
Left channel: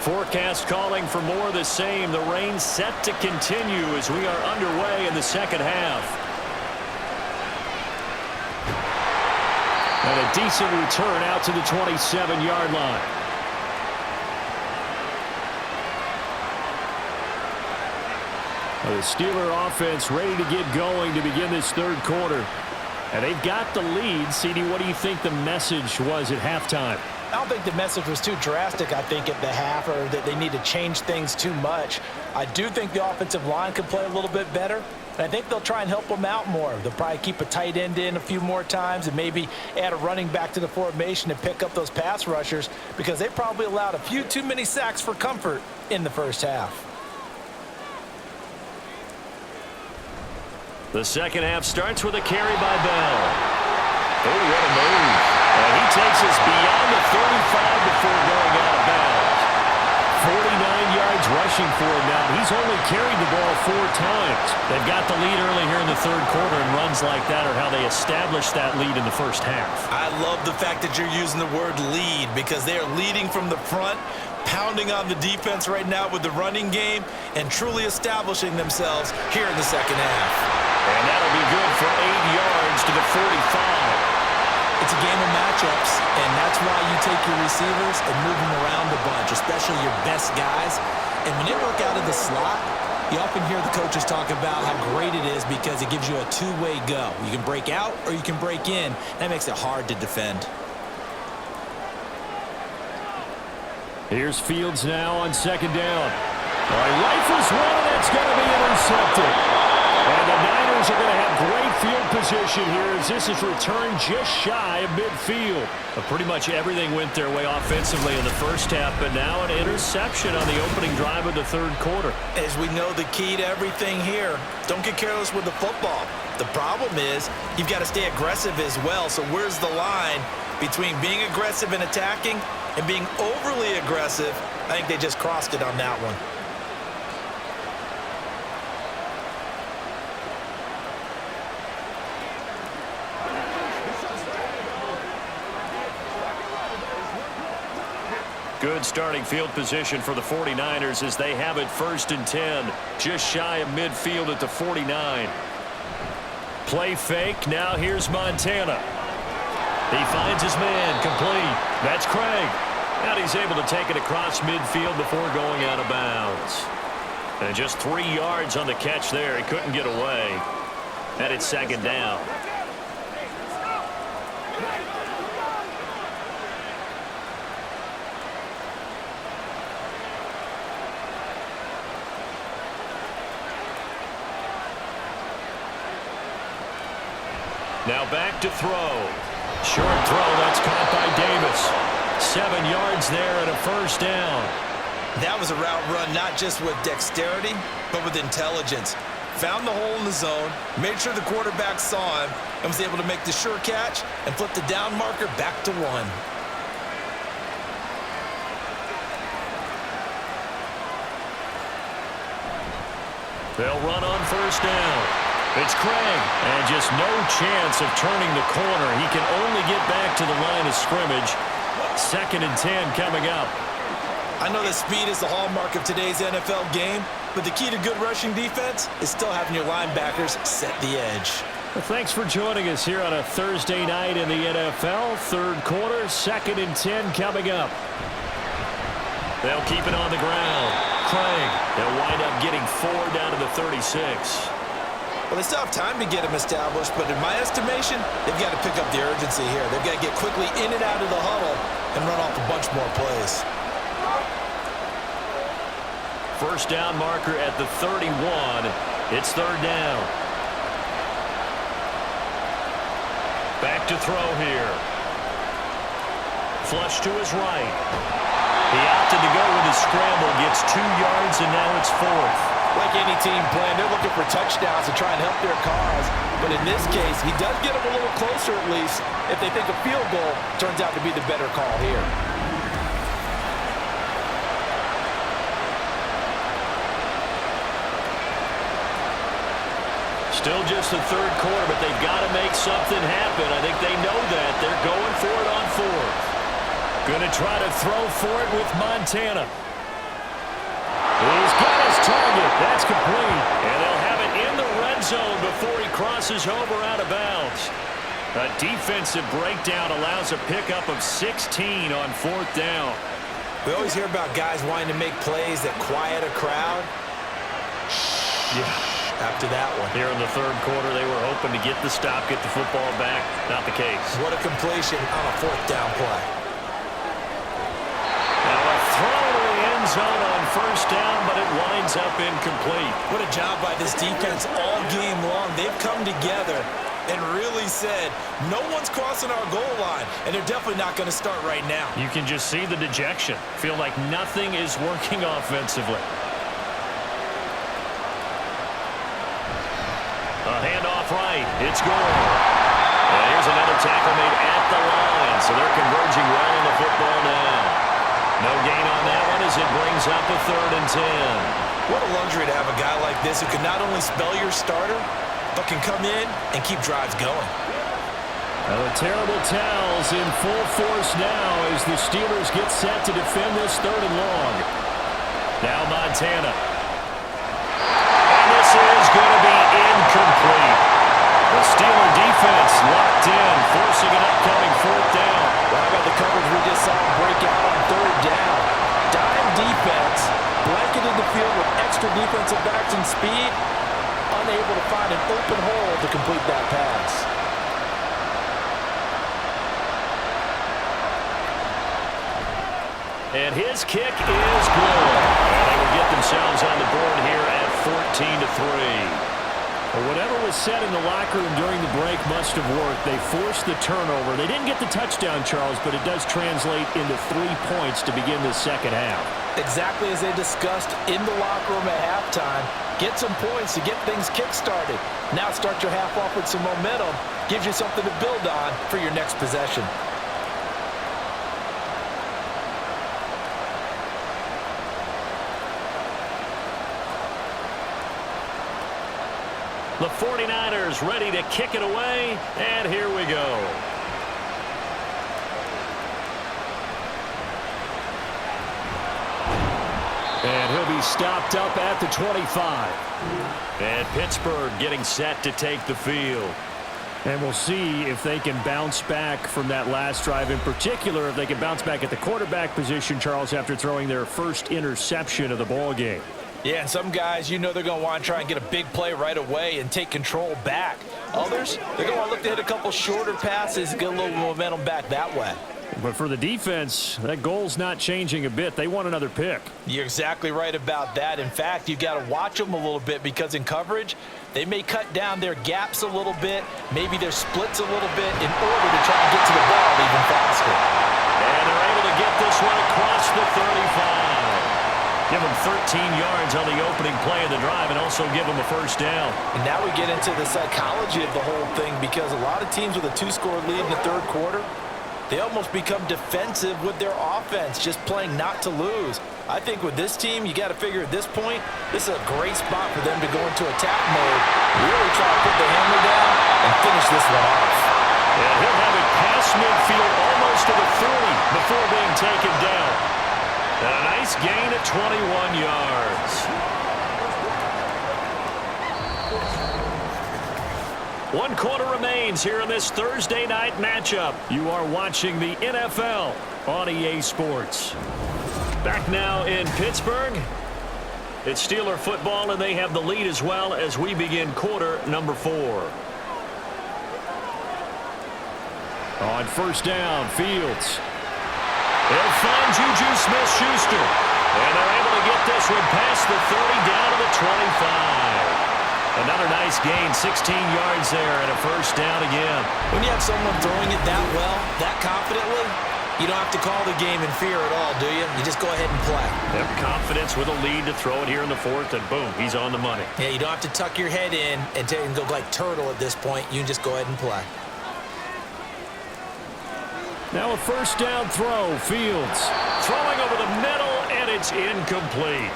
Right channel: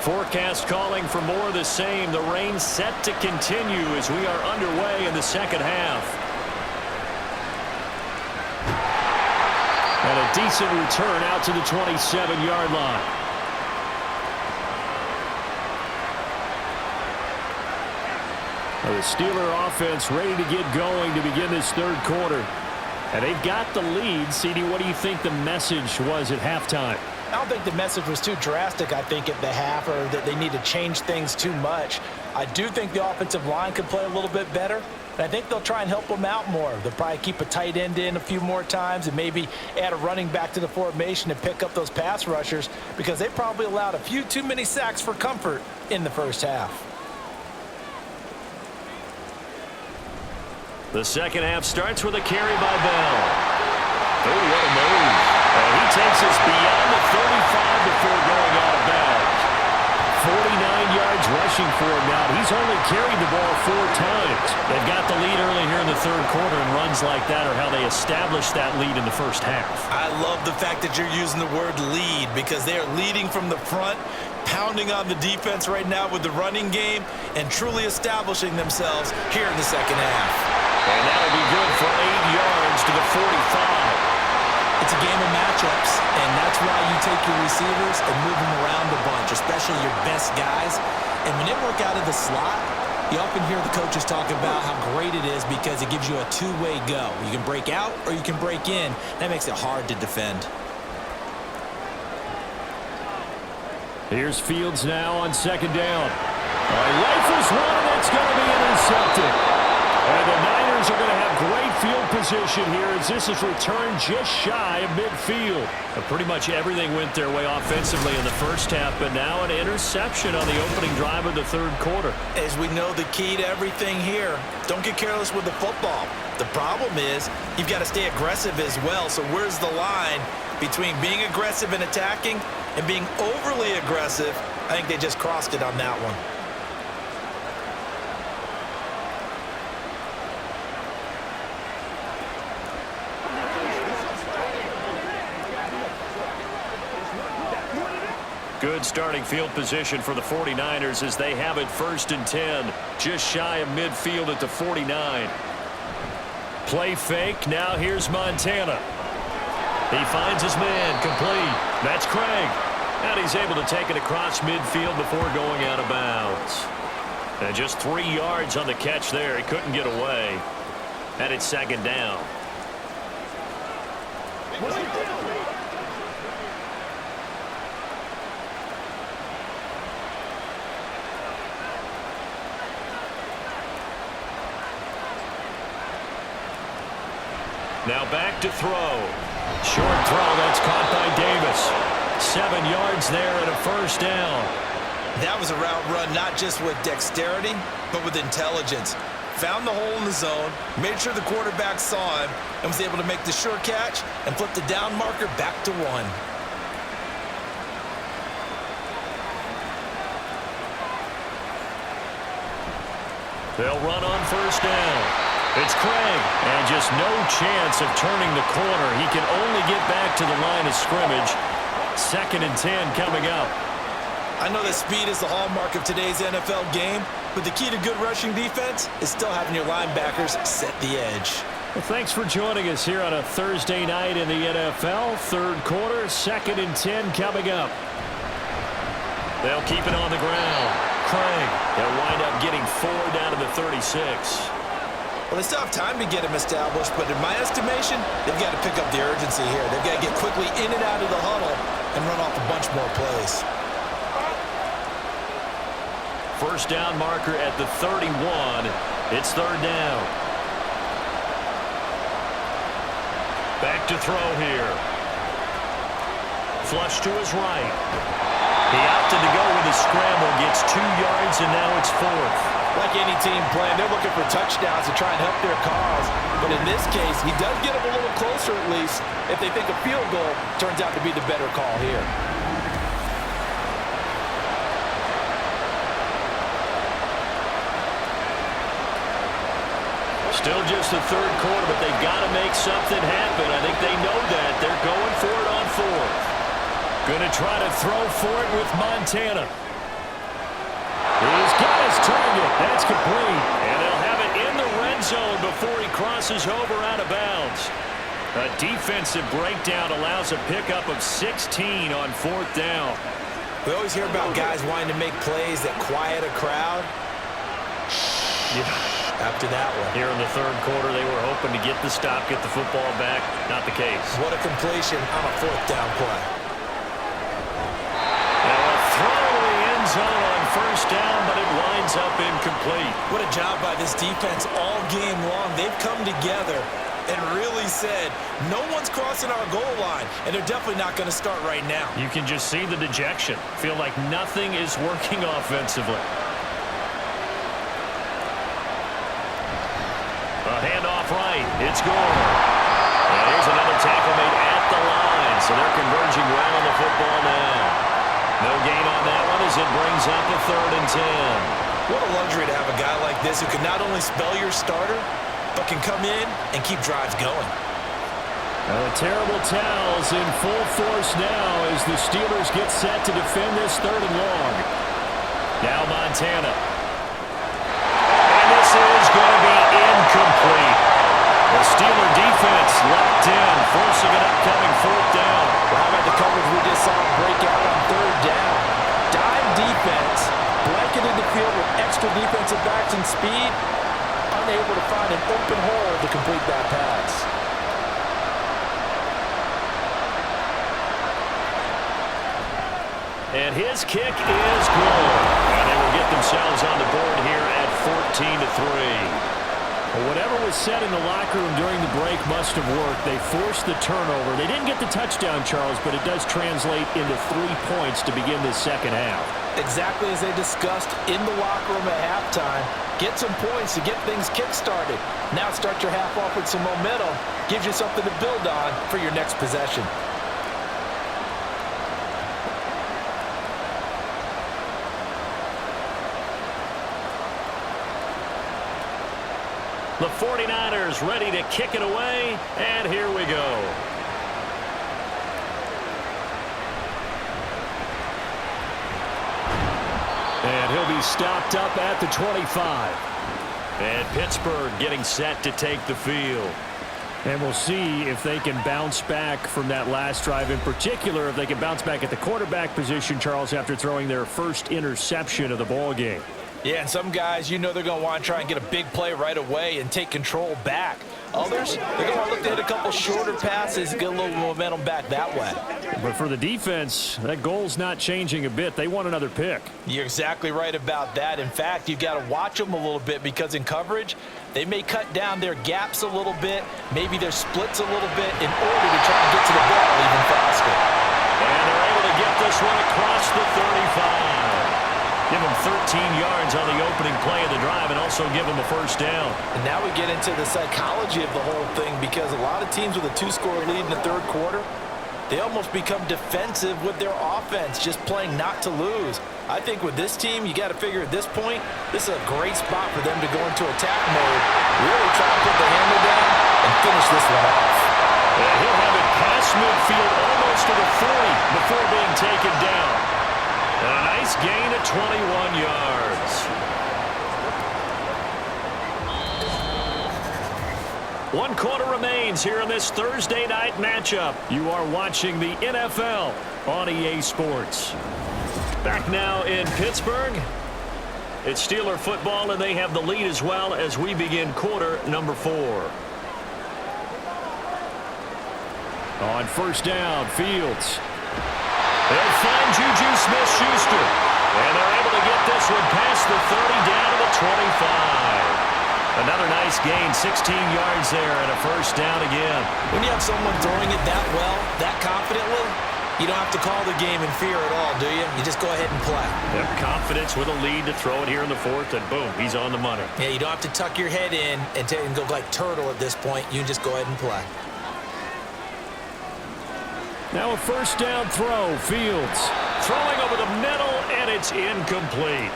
Forecast calling for more of the same. The rain set to continue as we are underway in the second half. And a decent return out to the 27-yard line. The Steeler offense ready to get going to begin this third quarter. And they've got the lead. CD, what do you think the message was at halftime? I don't think the message was too drastic, I think, at the half, or that they need to change things too much. I do think the offensive line could play a little bit better, and I think they'll try and help them out more. They'll probably keep a tight end in a few more times and maybe add a running back to the formation and pick up those pass rushers, because they probably allowed a few too many sacks for comfort in the first half. The second half starts with a carry by Bell. Oh, what a move. And he takes us beyond the 35 before going out of bounds. 49 yards rushing for him now. He's only carried the ball 4 times. They've got the lead early here in the third quarter, and runs like that are how they established that lead in the first half. I love the fact that you're using the word lead, because they are leading from the front, pounding on the defense right now with the running game, and truly establishing themselves here in the second half. And that'll be good for 8 yards to the 45. It's a game of matchups, and that's why you take your receivers and move them around a bunch, especially your best guys. And when they work out of the slot, you often hear the coaches talk about how great it is because it gives you a two-way go. You can break out or you can break in. That makes it hard to defend. Here's Fields now on second down. He rifles one, and that's going to be intercepted. And the Niners are going to have great field position here as this is returned just shy of midfield. Pretty much everything went their way offensively in the first half, but now an interception on the opening drive of the third quarter. As we know, the key to everything here, don't get careless with the football. The problem is you've got to stay aggressive as well. So where's the line between being aggressive and attacking and being overly aggressive? I think they just crossed it on that one. Good starting field position for the 49ers as they have it 1st and 10. Just shy of midfield at the 49. Play fake. Now here's Montana. He finds his man complete. That's Craig. And he's able to take it across midfield before going out of bounds. And just 3 yards on the catch there. He couldn't get away. And it's second down. Now back to throw. Short throw, that's caught by Davis. 7 yards there and a first down. That was a route run not just with dexterity, but with intelligence. Found the hole in the zone, made sure the quarterback saw him, and was able to make the sure catch and flip the down marker back to 1. They'll run on first down. It's Craig, and just no chance of turning the corner. He can only get back to the line of scrimmage. 2nd and 10 coming up. I know that speed is the hallmark of today's NFL game, but the key to good rushing defense is still having your linebackers set the edge. Well, thanks for joining us here on a Thursday night in the NFL. Third quarter, 2nd and 10 coming up. They'll keep it on the ground. Craig, they'll wind up getting 4 down to the 36. Well, they still have time to get them established, but in my estimation, they've got to pick up the urgency here. They've got to get quickly in and out of the huddle and run off a bunch more plays. First down marker at the 31. It's third down. Back to throw here. Flush to his right. He opted to go with his scramble, gets 2 yards, and now it's 4th. Like any team playing, they're looking for touchdowns to try and help their cause. But in this case, he does get them a little closer at least if they think a field goal turns out to be the better call here. Still just the third quarter, but they've got to make something happen. I think they know that. They're going for it on 4th. Going to try to throw for it with Montana. He's got his target. That's complete. And they'll have it in the red zone before he crosses over out of bounds. A defensive breakdown allows a pickup of 16 on 4th down. We always hear about guys wanting to make plays that quiet a crowd. Yeah. After that one. Here in the 3rd quarter, they were hoping to get the stop, get the football back. Not the case. What a completion on a 4th down play. Now a throw to the end zone on 1st down, but it winds up incomplete. What a job by this defense all game long. They've come together and really said, no one's crossing our goal line, and they're definitely not going to start right now. You can just see the dejection. Feel like nothing is working offensively. A handoff right. It's Gore. And here's another tackle made at the line, so they're converging well on the football now. No gain on that one as it brings up a 3rd and 10. What a luxury to have a guy like this who can not only spell your starter, but can come in and keep drives going. The terrible towels in full force now as the Steelers get set to defend this 3rd and long. Now Montana. And this is going to be incomplete. The Steeler defense locked in, forcing an upcoming 4th down. Well, how about the coverage we just saw break out on 3rd down? Dime defense, blanketed the field with extra defensive backs and speed, unable to find an open hole to complete that pass. And his kick is good. And they will get themselves on the board here at 14-3. Well, whatever was said in the locker room during the break must have worked. They forced the turnover. They didn't get the touchdown, Charles, but it does translate into 3 points to begin the 2nd half. Exactly as they discussed in the locker room at halftime. Get some points to get things kick-started. Now start your half off with some momentum. Gives you something to build on for your next possession. The 49ers ready to kick it away, and here we go. And he'll be stopped up at the 25. And Pittsburgh getting set to take the field. And we'll see if they can bounce back from that last drive, in particular if they can bounce back at the quarterback position, Charles, after throwing their first interception of the ball game. Yeah, and some guys, you know they're going to want to try and get a big play right away and take control back. Others, they're going to want to look to hit a couple shorter passes and get a little momentum back that way. But for the defense, that goal's not changing a bit. They want another pick. You're exactly right about that. In fact, you've got to watch them a little bit because in coverage, they may cut down their gaps a little bit, maybe their splits a little bit in order to try and get to the ball even faster. And they're able to get this one across the 35. Give them 13 yards on the opening play of the drive and also give them a 1st down. And now we get into the psychology of the whole thing because a lot of teams with a 2-score lead in the 3rd quarter, they almost become defensive with their offense, just playing not to lose. I think with this team, you got to figure at this point, this is a great spot for them to go into attack mode, really try to put the hammer down and finish this one off. And he'll have it past midfield almost to the 40 before being taken down. And a nice gain of 21 yards. 1 quarter remains here in this Thursday night matchup. You are watching the NFL on EA Sports. Back now in Pittsburgh. It's Steeler football, and they have the lead as well as we begin quarter number 4. On 1st down, Fields. They'll find Juju Smith-Schuster. And they're able to get this one past the 30 down to the 25. Another nice gain, 16 yards there and a 1st down again. When you have someone throwing it that well, that confidently, you don't have to call the game in fear at all, do you? You just go ahead and play. Have confidence with a lead to throw it here in the 4th, and boom, he's on the money. Yeah, you don't have to tuck your head in and go like turtle at this point. You can just go ahead and play. Now a 1st down throw, Fields. Throwing over the middle, and it's incomplete.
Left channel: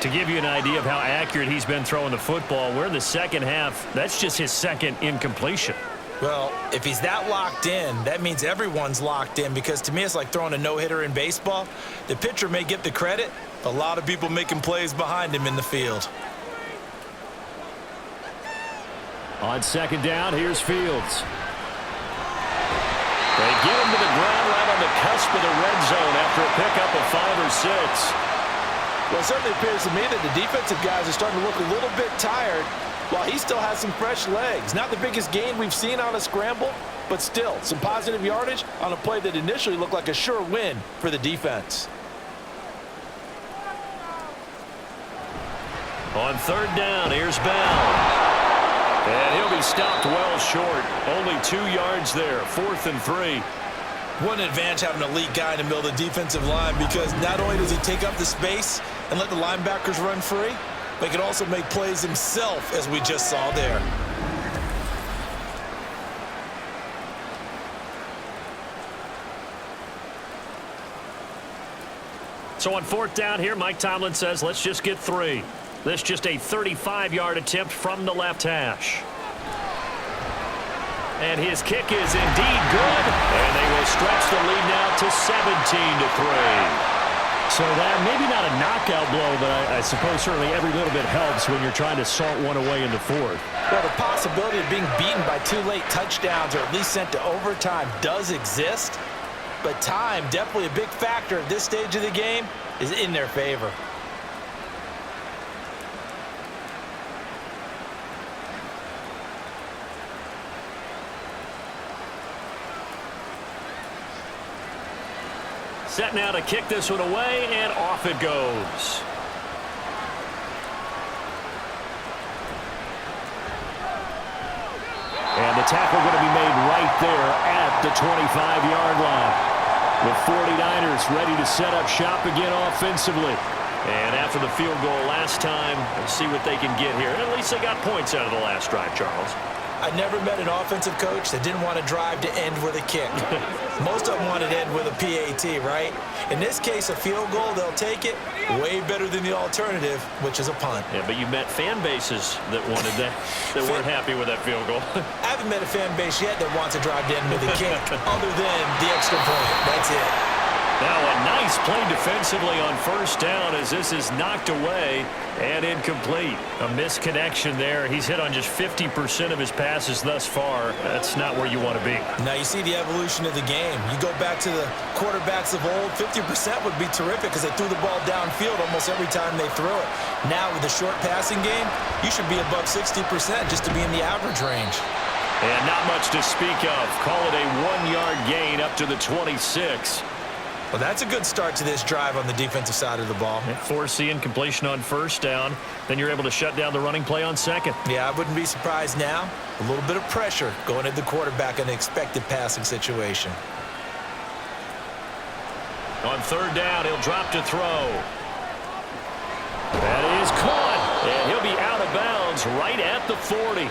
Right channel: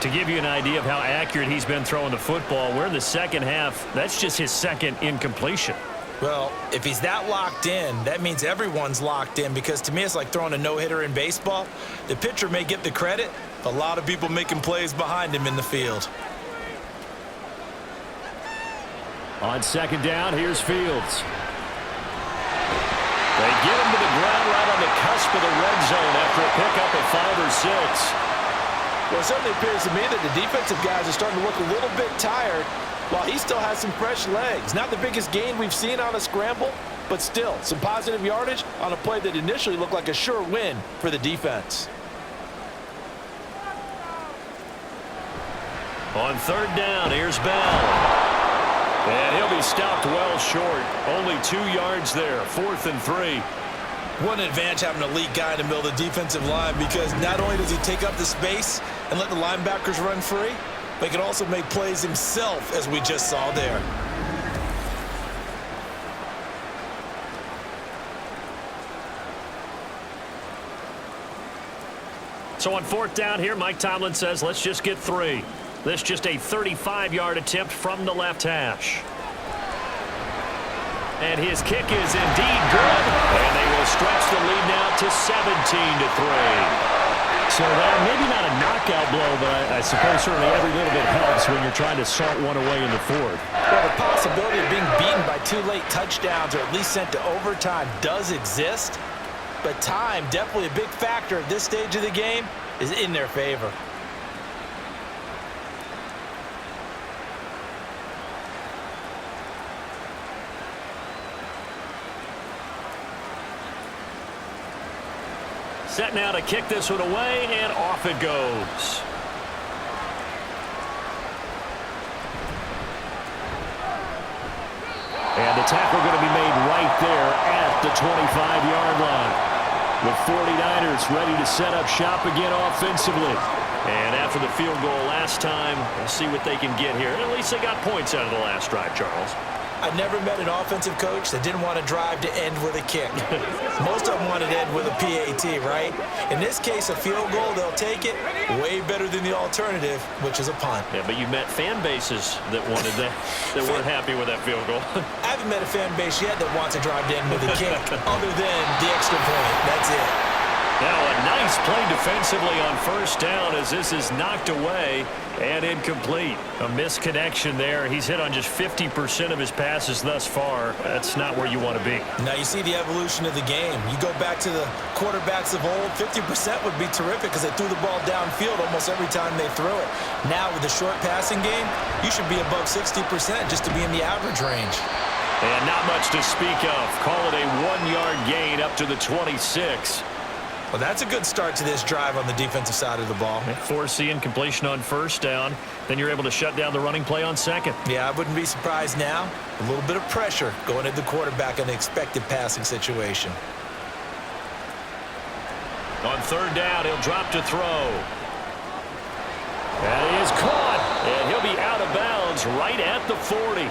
To give you an idea of how accurate he's been throwing the football, we're in the 2nd half. That's just his 2nd incompletion. Well, if he's that locked in, that means everyone's locked in because to me it's like throwing a no-hitter in baseball. The pitcher may get the credit, but a lot of people making plays behind him in the field. On 2nd down, here's Fields. They get him to the ground right on the cusp of the red zone after a pickup of 5 or 6. Well, it certainly appears to me that the defensive guys are starting to look a little bit tired while he still has some fresh legs. Not the biggest gain we've seen on a scramble, but still some positive yardage on a play that initially looked like a sure win for the defense. On 3rd down, here's Bell. And he'll be stopped well short. Only 2 yards there, 4th and 3. What an advantage having an elite guy in the middle of the defensive line, because not only does he take up the space and let the linebackers run free, but he can also make plays himself, as we just saw there. So on 4th down here, Mike Tomlin says, let's just get 3. This just a 35-yard attempt from the left hash. And his kick is indeed good. And they will stretch the lead now to 17-3. So that maybe not a knockout blow, but I suppose certainly every little bit helps when you're trying to salt one away in the 4th. Well, the possibility of being beaten by 2 late touchdowns or at least sent to overtime does exist. But time, definitely a big factor at this stage of the game, is in their favor. Set now to kick this one away, and off it goes. And the tackle going to be made right there at the 25-yard line. The 49ers ready to set up shop again offensively. And after the field goal last time, we'll see what they can get here. And at least they got points out of the last drive, Charles. I never met an offensive coach that didn't want to drive to end with a kick. Most of them wanted to end with a PAT, right? In this case, a field goal, they'll take it. Way better than the alternative, which is a punt. Yeah, but you met fan bases that wanted that, that weren't happy with that field goal. I haven't met a fan base yet that wants to drive to end with a kick, other than the extra point. That's it. Now a nice play defensively on 1st down as this is knocked away and incomplete. A misconnection there. He's hit on just 50% of his passes thus far. That's not where you want to be. Now you see the evolution of the game. You go back to the quarterbacks of old, 50% would be terrific because they threw the ball downfield almost every time they threw it. Now with the short passing game, you should be above 60% just to be in the average range. And not much to speak of. Call it a 1-yard gain up to the 26. Well, that's a good start to this drive on the defensive side of the ball. Force the incompletion on 1st down. Then you're able to shut down the running play on 2nd. Yeah, I wouldn't be surprised now. A little bit of pressure going at the quarterback in an expected passing situation. On 3rd down, he'll drop to throw. That is caught. And he'll be out of bounds right at the 40.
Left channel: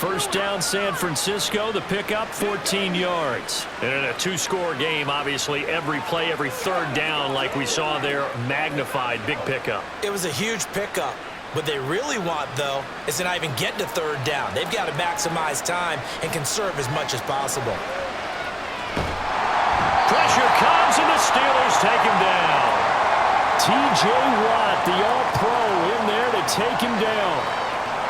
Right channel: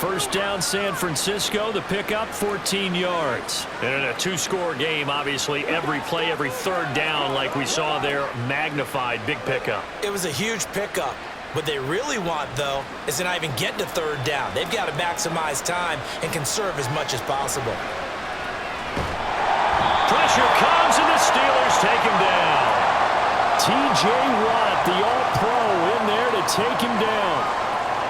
1st down, San Francisco. The pickup, 14 yards. And in a 2-score game, obviously, every play, every 3rd down, like we saw there, magnified, big pickup. It was a huge pickup. What they really want, though, is to not even get to 3rd down. They've got to maximize time and conserve as much as possible. Pressure comes, and the Steelers take him down. T.J. Watt, the all-pro, in there to take him down.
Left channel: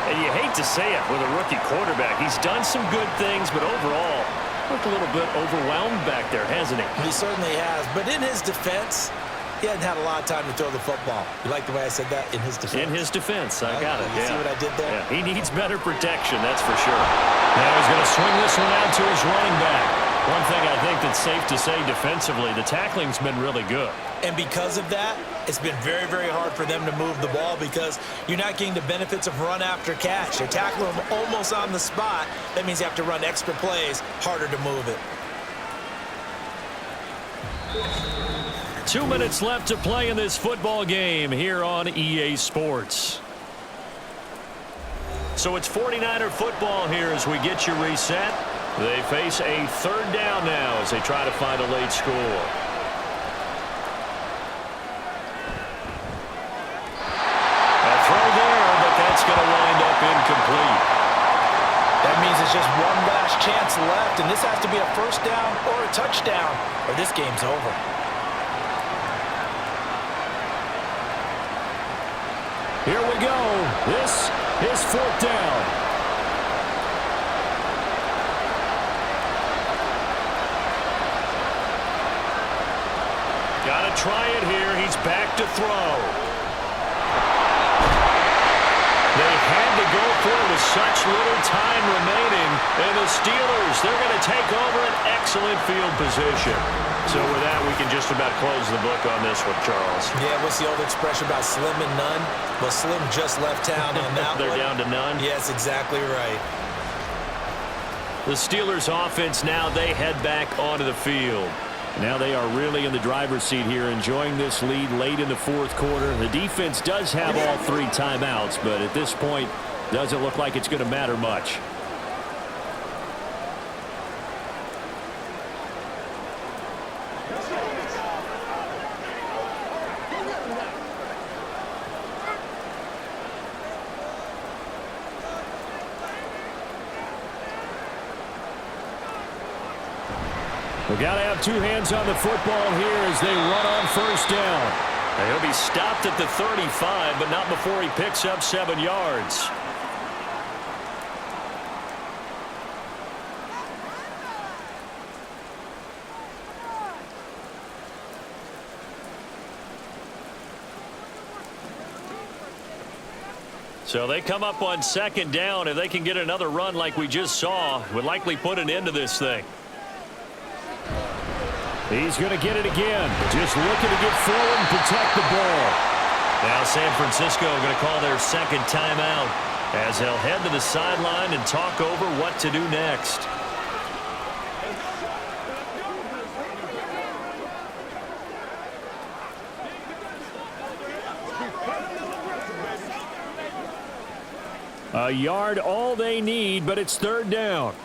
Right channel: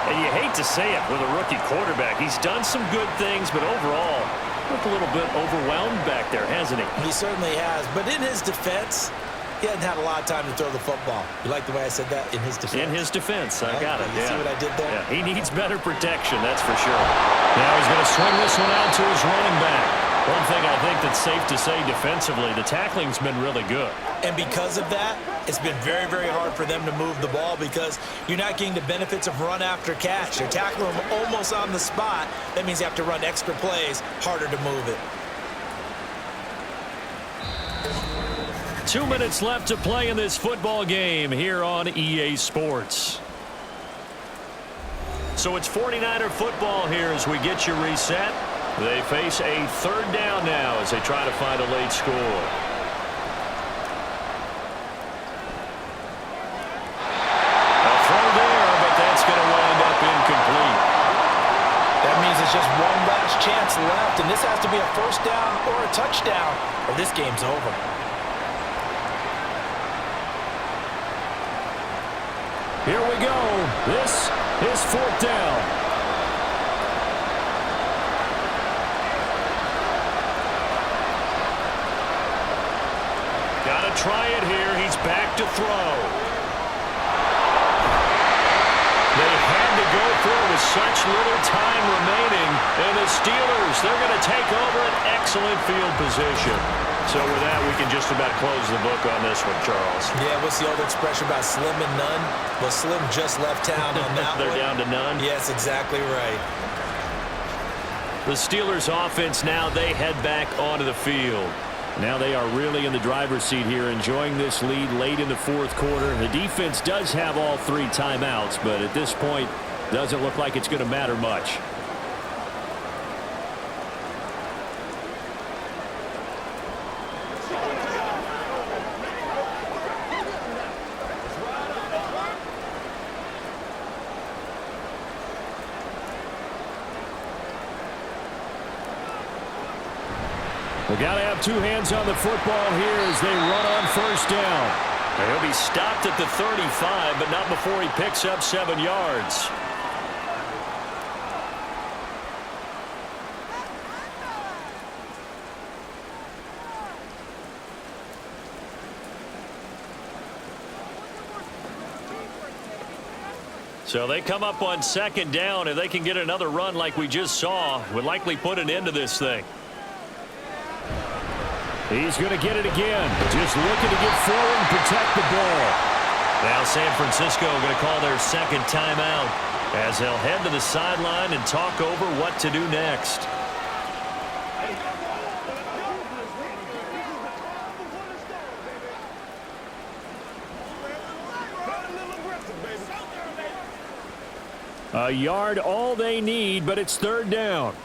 And you hate to say it with a rookie quarterback. He's done some good things, but overall, looked a little bit overwhelmed back there, hasn't he? He certainly has. But in his defense, he hadn't had a lot of time to throw the football. You like the way I said that? In his defense? In his defense. I got it. You see what I did there? Yeah. He needs better protection, that's for sure. Now he's going to swing this one out to his running back. One thing I think that's safe to say defensively, the tackling's been really good. And because of that, it's been very, very hard for them to move the ball because you're not getting the benefits of run after catch. They're tackling them almost on the spot. That means you have to run extra plays, harder to move it. 2 minutes left to play in this football game here on EA Sports. So it's 49er football here as we get you reset. They face a 3rd down now as they try to find a late score. A throw there, but that's going to wind up incomplete. That means it's just one last chance left, and this has to be a 1st down or a touchdown, or this game's over. Here we go. This is 4th down. got to try it here. He's back to throw. They had to go for it with such little time remaining. And the Steelers, they're going to take over an excellent field position. So with that, we can just about close the book on this one, Charles. Yeah, what's the old expression about slim and none? Well, Slim just left town on that They're one. down to none? Yes, exactly right. The Steelers offense now, they head back onto the field. Now they are really in the driver's seat here, enjoying this lead late in the fourth quarter. The defense does have all 3 timeouts, but at this point, doesn't look like it's going to matter much. We got to have 2 hands on the football here as they run on first down. He'll be stopped at the 35, but not before he picks up 7 yards. So they come up on second down. If they can get another run like we just saw, would likely put an end to this thing. He's going to get it again. Just looking to get forward and protect the ball. Now San Francisco going to call their second timeout as they'll head to the sideline and talk over what to do next. A yard all they need, but it's third down.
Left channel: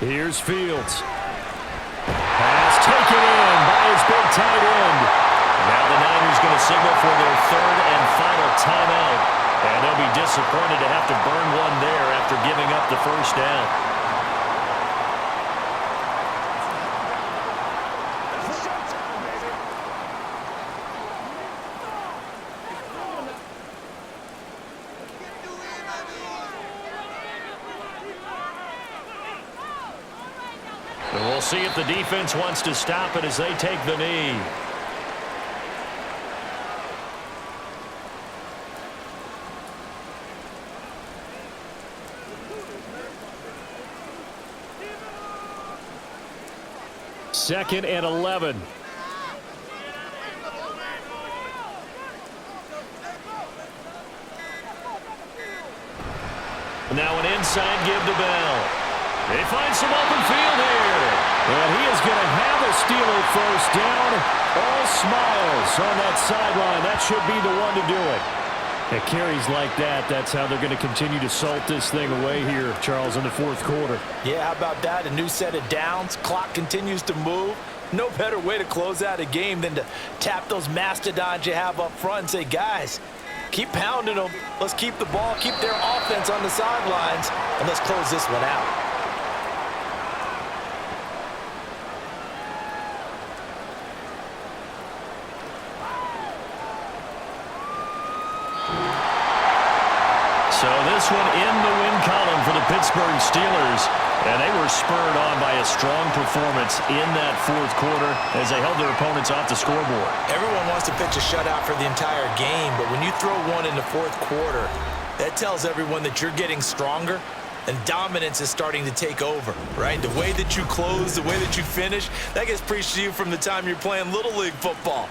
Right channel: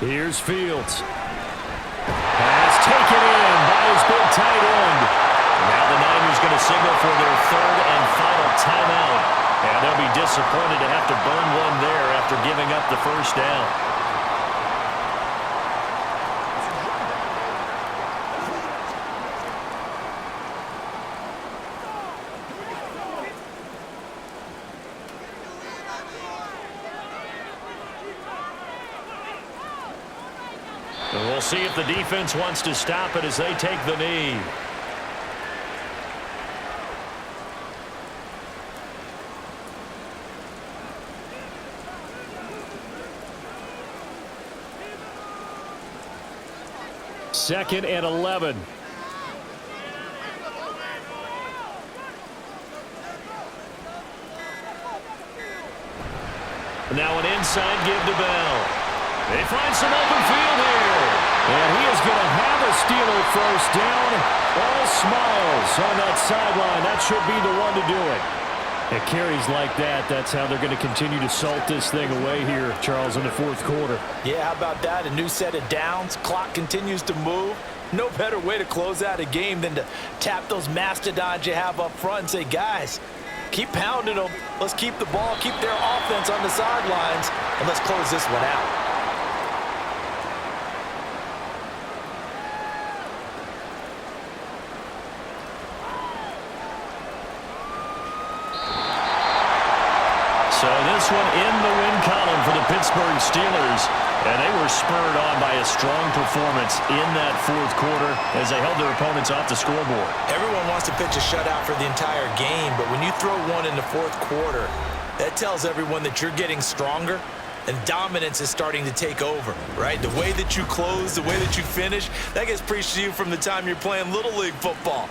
Here's Fields. Pass taken in by his big tight end. Now the Niners going to signal for their third and final timeout. And they'll be disappointed to have to burn one there after giving up the first down. And we'll see if the defense wants to stop it as they take the knee. Second and 11. Now an inside give to Bell. They find some open field here. And he is going to have a Steeler first down. All smiles on that sideline. That should be the one to do it. At carries like that, that's how they're going to continue to salt this thing away here, Charles, in the fourth quarter. Yeah, how about that? A new set of downs. Clock continues to move. No better way to close out a game than to tap those mastodons you have up front and say, guys, keep pounding them. Let's keep the ball, keep their offense on the sidelines, and let's close this one out. So this one in the win column for the Pittsburgh Steelers. And they were spurred on by a strong performance in that fourth quarter as they held their opponents off the scoreboard. Everyone wants to pitch a shutout for the entire game, but when you throw one in the fourth quarter, that tells everyone that you're getting stronger and dominance is starting to take over, right? The way that you close, the way that you finish, that gets preached to you from the time you're playing Little League football.